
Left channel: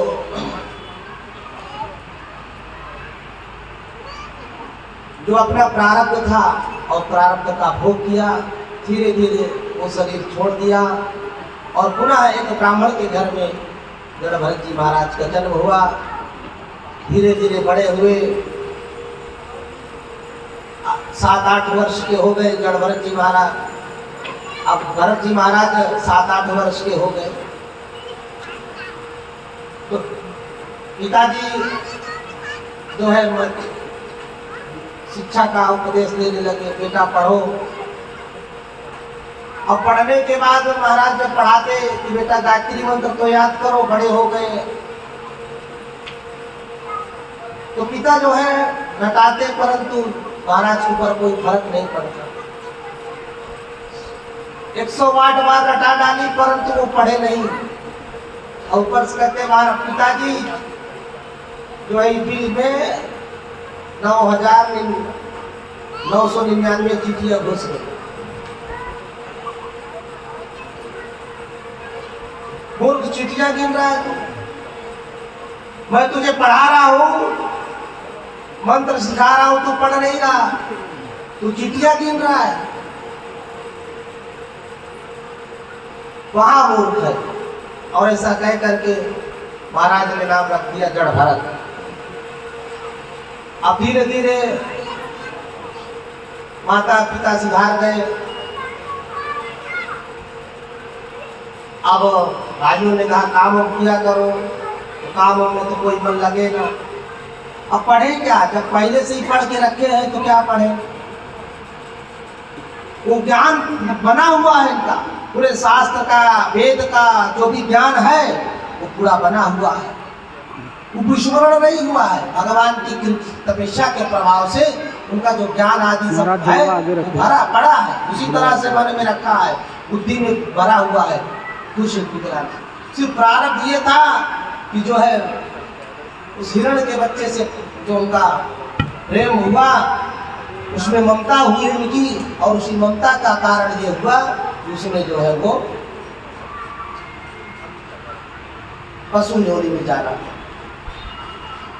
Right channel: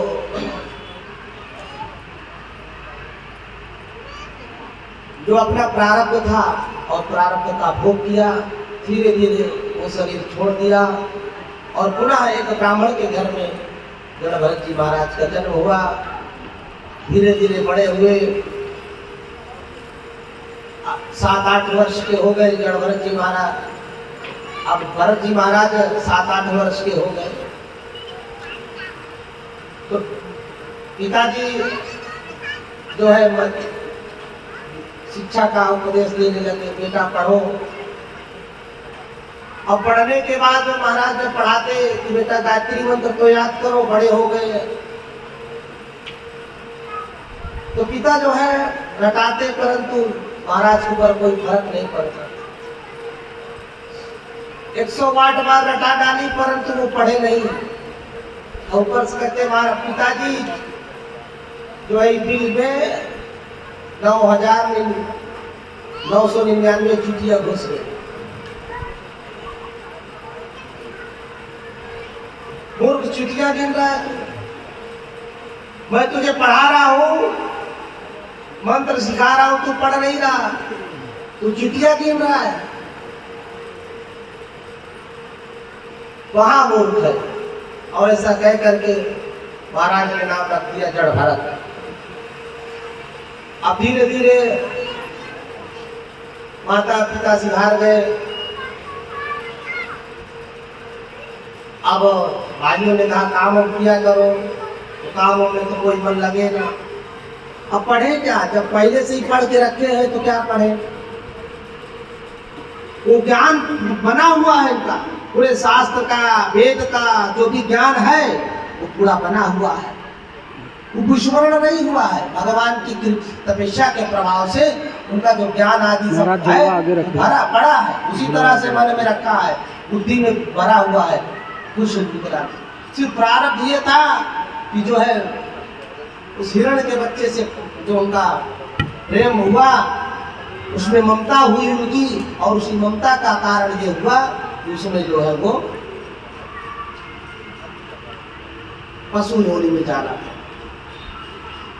अपना प्रारब्ध था और प्रारब्ध का भोग किया। धीरे धीरे वो शरीर छोड़ दिया और पुनः एक ब्राह्मण के घर में जड़ भरत जी महाराज का जन्म हुआ। धीरे धीरे बड़े हुए, 7-8 वर्ष के हो गए जड़ भरत जी महाराज। अब भरत जी महाराज 7-8 वर्ष के हो गए तो पिताजी जो है शिक्षा का उपदेश देने लगे, बेटा पढ़ो। और पढ़ने के बाद महाराज जब पढ़ाते कि बेटा गायत्री मंत्र तो याद करो, बड़े हो गए तो पिता जो है रटाते, परंतु महाराज के ऊपर कोई फर्क नहीं पड़ता। 108 बार रटा डाली परंतु वो पढ़े नहीं। और ऊपर से कहते पिताजी जो है बिल में 9,999 चिट्ठियां घुस गई। मूर्ख चिट्ठियां गिन रहा है तू। मैं तुझे पढ़ा रहा हूं, मंत्र सिखा रहा हूं, तू पढ़ नहीं रहा, तू चिट्ठियां गिन रहा है। वहां मूर्ख है। और ऐसा कह करके महाराज ने नाम रख दिया जड़ भरत। अब धीरे धीरे माता पिता सिधार गए। अब भाइयों ने कहा काम किया करो, तो काम में तो कोई मन लगे ना। अब पढ़े क्या? जब पहले से ही पढ़ के रखे हैं तो क्या पढ़े? वो ज्ञान बना हुआ है इनका, पूरे शास्त्र का, वेद का जो भी ज्ञान है वो पूरा बना हुआ है। वो विस्मरण नहीं हुआ है। भगवान की तपस्या के प्रभाव से उनका जो ज्ञान आदि सब है भरा पड़ा है, उसी तरह से मन में रखा है, बुद्धि में भरा हुआ है। कुछ सिर्फ प्रारब्ध ये था कि जो है उस हिरण के बच्चे से जो उनका प्रेम हुआ, उसमें ममता हुई उनकी, और उसी ममता का कारण ये हुआ कि उसमें जो है वो पशु योनि में जाना था।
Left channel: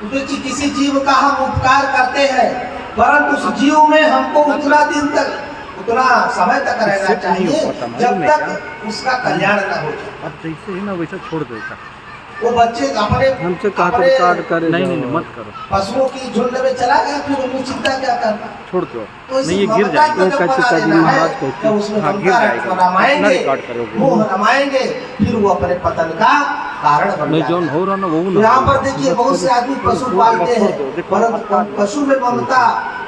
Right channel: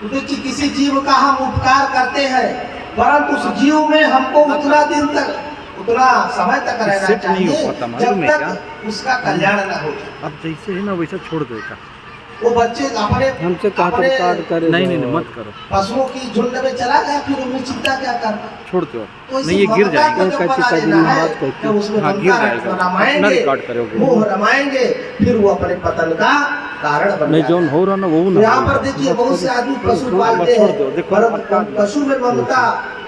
क्योंकि किसी जीव का हम उपकार करते हैं, परंतु उस जीव में हमको उतना दिन तक उतना समय तक रहना इससे तो नहीं चाहिए हो पाता, मालूम जब है तक उसका कल्याण न हो जाए। अब जैसे ही ना वैसा छोड़ देता। वो बच्चे अपने हमसे कहा अपने कार्ड करे नहीं नहीं मत करो, पशुओं की झुंड में चला गया, फिर उनमें चिंता क्या करना। छोड़ दो। तो इसी नहीं ये गिर ममता को जाएगा, जब कहते बना काजी लेना महाराज है, कहते जब उसमें हाँ गिर ममता जाएगा, अपना रमाएंगे, रिकॉर्ड करोगे। मोह रमाएंगे, फिर वो अपने पतन का कारण बन नहीं जाएगा। जौन हो रहा ना वो ना यहाँ पर देखिए बहुत से आदमी पशु पालते हैं, परंतु पशु में ममता,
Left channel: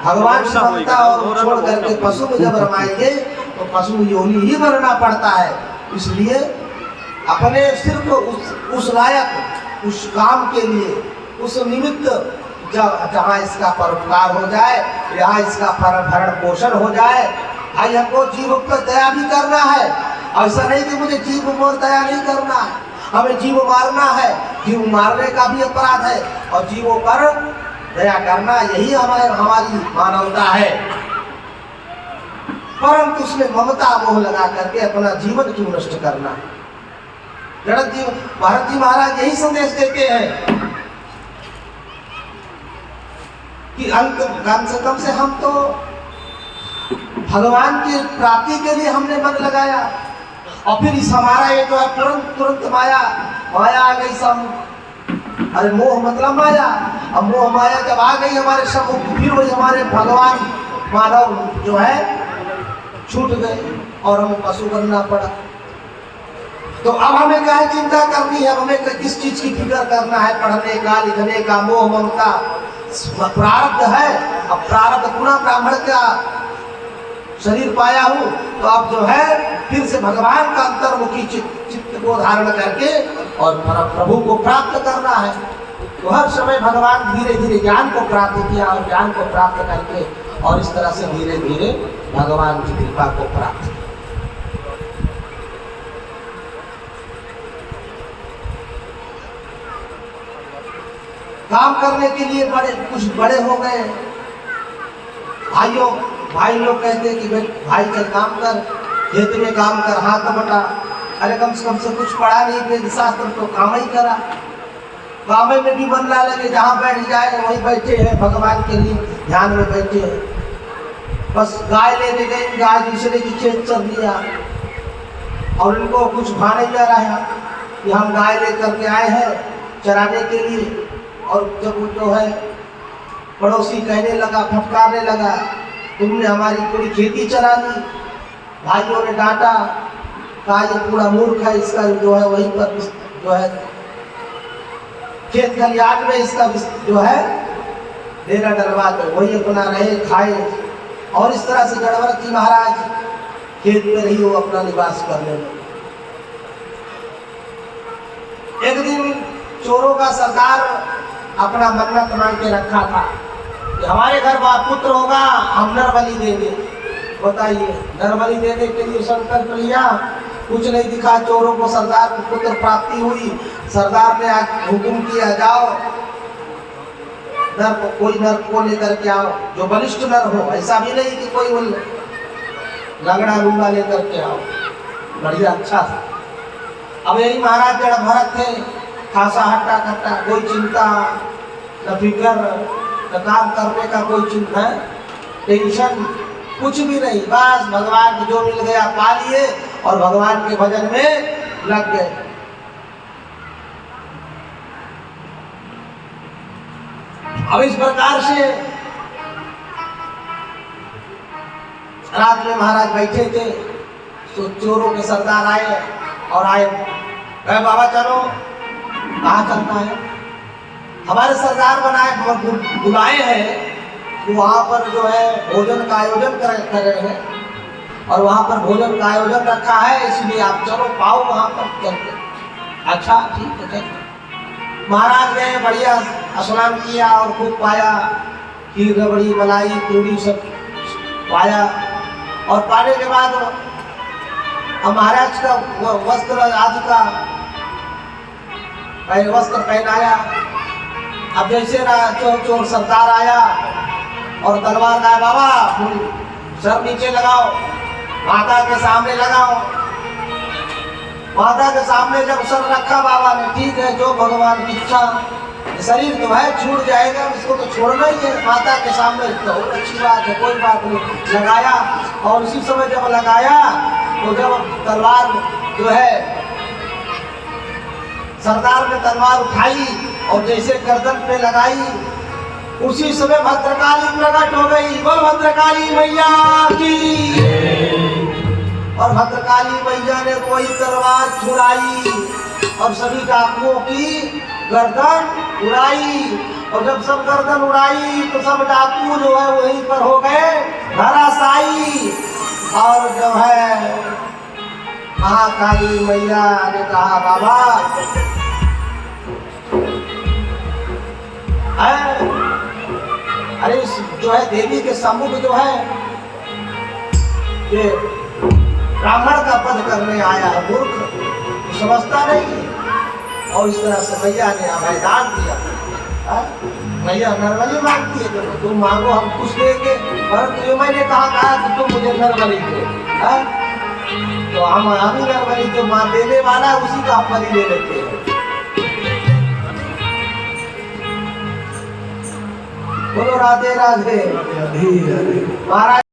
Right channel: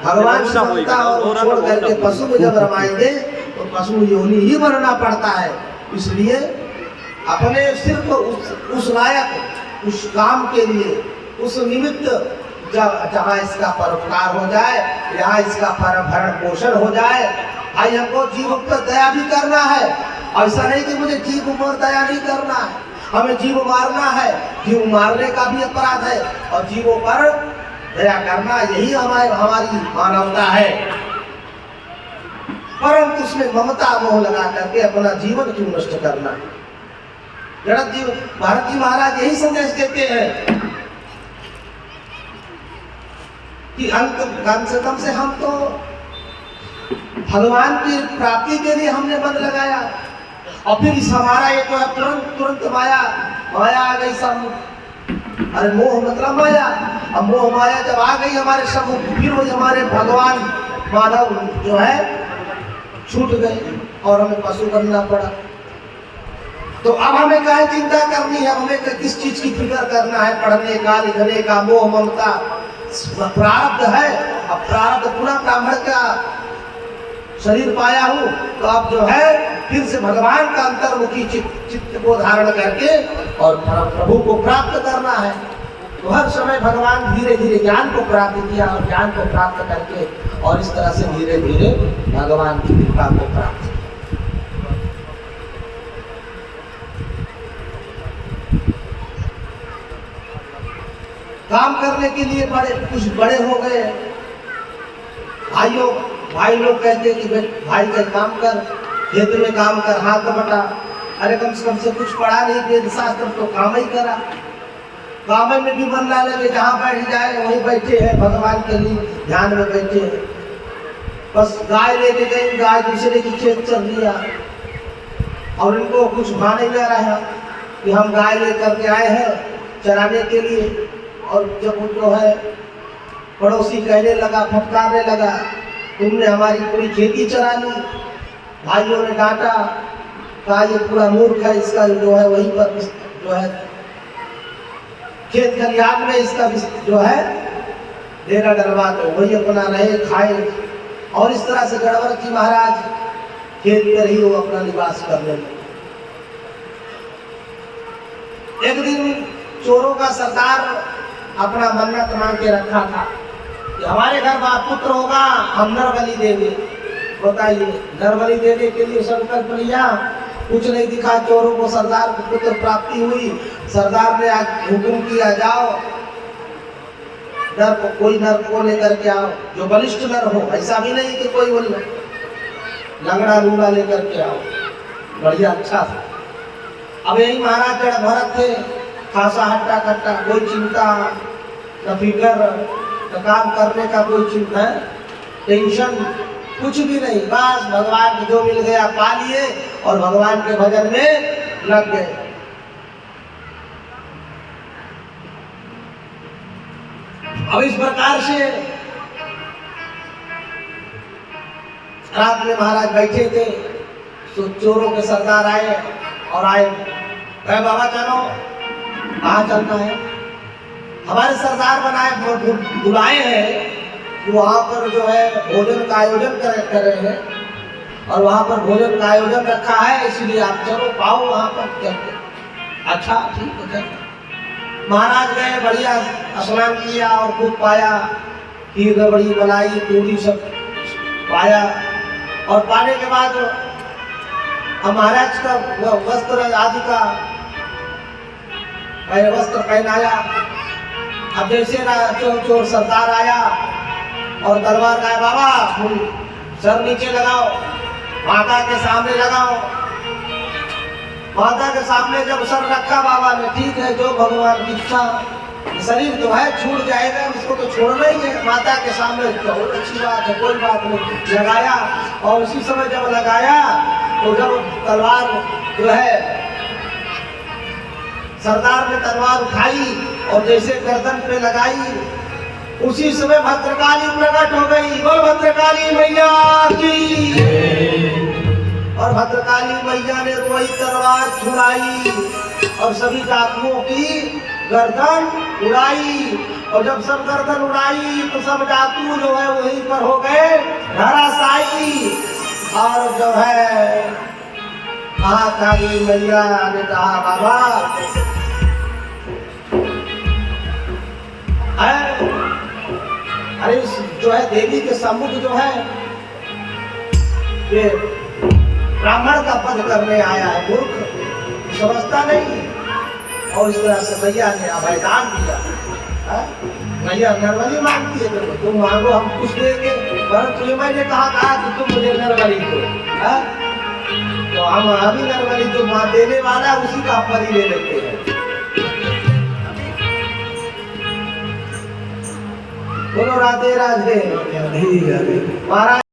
भगवान से ममता और छोड़ करके पशु में जब रमाएंगे तो पशु योनि ही बनना पड़ता है। इसलिए अपने सिर्फ उस लायक, उस काम के लिए, उस निमित्त जहाँ इसका परोपकार हो जाए, यहाँ इसका भरण पोषण हो जाए। भाई हमको जीव पर दया भी करना है, ऐसा नहीं कि मुझे जीव पर दया नहीं करना है, हमें जीव मारना है, जीव मारने का भी अपराध है, और जीवों पर दया करना यही हमारी मानवता है। परंतु उसमें ममता मोह लगा करके अपना जीवन क्यों नष्ट करना है। भारत जी महाराज यही संदेश देते हैं कि कम से कम से हम तो भगवान की प्राप्ति के लिए हमने मन लगाया, और फिर इस हमारा ये जो है तुरंत माया आ गई सब। अरे मोह मतलब माया, अब मोह माया जब आ गई हमारे सब, फिर वही हमारे भगवान मानव जो है छूट गए और हमें पशु बनना पड़ा। तो अब हमें क्या चिंता करनी है, अब हमें किस चीज की फिक्र करना है, पढ़ने का, लिखने का, मोह ममता प्रारब्ध है। अब प्रारब्ध पुनः ब्राह्मण का शरीर पाया हूँ, तो अब जो है फिर से भगवान का अंतर्मुखी चित्त को धारण करके और प्रभु को प्राप्त करना है। तो हर समय भगवान धीरे धीरे ज्ञान को प्राप्त किया, और ज्ञान को प्राप्त करके और इस तरह से धीरे धीरे भगवान की कृपा को प्राप्त किया। काम करने के लिए कुछ बड़े हो गए, भाई लोग कहते हैं कि भाई चल काम कर, खेत में काम कर, हाथ बटा। अरे कम से कुछ पढ़ा नहीं, वेद शास्त्र तो काम ही करा, काम में भी मन ना लगे, जहाँ बैठ जाए वही बैठे हैं, भगवान के लिए ध्यान में बैठे हैं। बस गाय लेके गई, गाय दूसरे की खेत चल दिया, और उनको कुछ भा नहीं जा रहा कि हम गाय लेकर के आए हैं चराने के लिए। और जब वो जो है पड़ोसी कहने लगा, फटकारने लगा, तुमने हमारी पूरी खेती चरा ली। भाइयों ने डांटा, कहा ये पूरा मूर्ख है, इसका जो है वहीं पर जो है खेत खलिहान में इसका जो है डेरा डलवा दो, वही अपना रहे खाए। और इस तरह से गणवरत जी महाराज खेत पर ही वो अपना निवास करने लगे। एक दिन चोरों का सरदार अपना मन्नत मांग के रखा था कि हमारे घर पुत्र होगा, हम नर बलि देंगे। बताइए, नर बलि देने के लिए संकल्प लिया, कुछ नहीं दिखा, चोरों को सरदार को पुत्र प्राप्ति हुई। सरदार ने हुक्म किया, जाओ नर को, कोई नर को लेकर के आओ जो बलिष्ठ नर हो, ऐसा भी नहीं कि कोई लंगड़ा लूंगा लेकर के आओ, बढ़िया अच्छा था। अब यही महाराज जड़ भरत थे, खासा हट्टा कट्टा, कोई चिंता न फिक्र, न काम करने का कोई चिंता, टेंशन कुछ भी नहीं, बस भगवान को जो मिल गया पा लिए और भगवान के भजन में लग गए। अब इस प्रकार से रात में महाराज बैठे थे, तो चोरों के सरदार आए और कहे बाबा चलो, कहाँ चलना है? हमारे सरदार बनाए बुलाए हैं कि वहाँ पर जो है भोजन का आयोजन कर रहे हैं, और वहाँ पर भोजन का आयोजन रखा है, इसलिए आप चलो पाओ वहाँ पर चलते। अच्छा ठीक है चलते। महाराज गए, बढ़िया स्नान किया और खूब पाया, खीर रबड़ी मलाई पूरी सब पाया, और पाने के बाद महाराज का वस्त्र आदि का वस्त्र पहनाया। अब जैसे चोर सरदार आया और तलवार लाया, बाबा सर नीचे लगाओ, माता के सामने लगाओ। माता के सामने जब सर रखा बाबा ने, ठीक है जो भगवान की इच्छा, शरीर तो है छूट जाएगा, उसको तो छोड़ना ही है। माता के सामने तो बहुत अच्छी बात है, कोई बात नहीं, लगाया। और उसी समय जब लगाया तो जब तलवार जो है सरदार ने तलवार उठाई और जैसे गर्दन पे लगाई, उसी समय भद्रकाली प्रकट हो गई। बोल भद्रकाली मैया की। और भद्रकाली मैया ने वही तलवार छुड़ाई और सभी डाकुओं की गर्दन उड़ाई। और जब सब गर्दन उड़ाई तो सब डाकू जो है वहीं पर हो गए धराशायी। और जो है महाकाली मैया ने कहा बाबा अरे जो है देवी के सम्मुख जो है ये ब्राह्मण का वध करने आया है, मूर्ख समझता नहीं। और इस तरह से मैया ने अभयदान दिया। मैया नरबली मांगती है, तुम मांगो हम कुछ देंगे, परंतु मैंने कहा कि तुम मुझे नरबली दो। तो हम अभी नरबली जो मां देने वाला उसी का बलि ले लेते हैं। बोलो राधे राधे महाराज।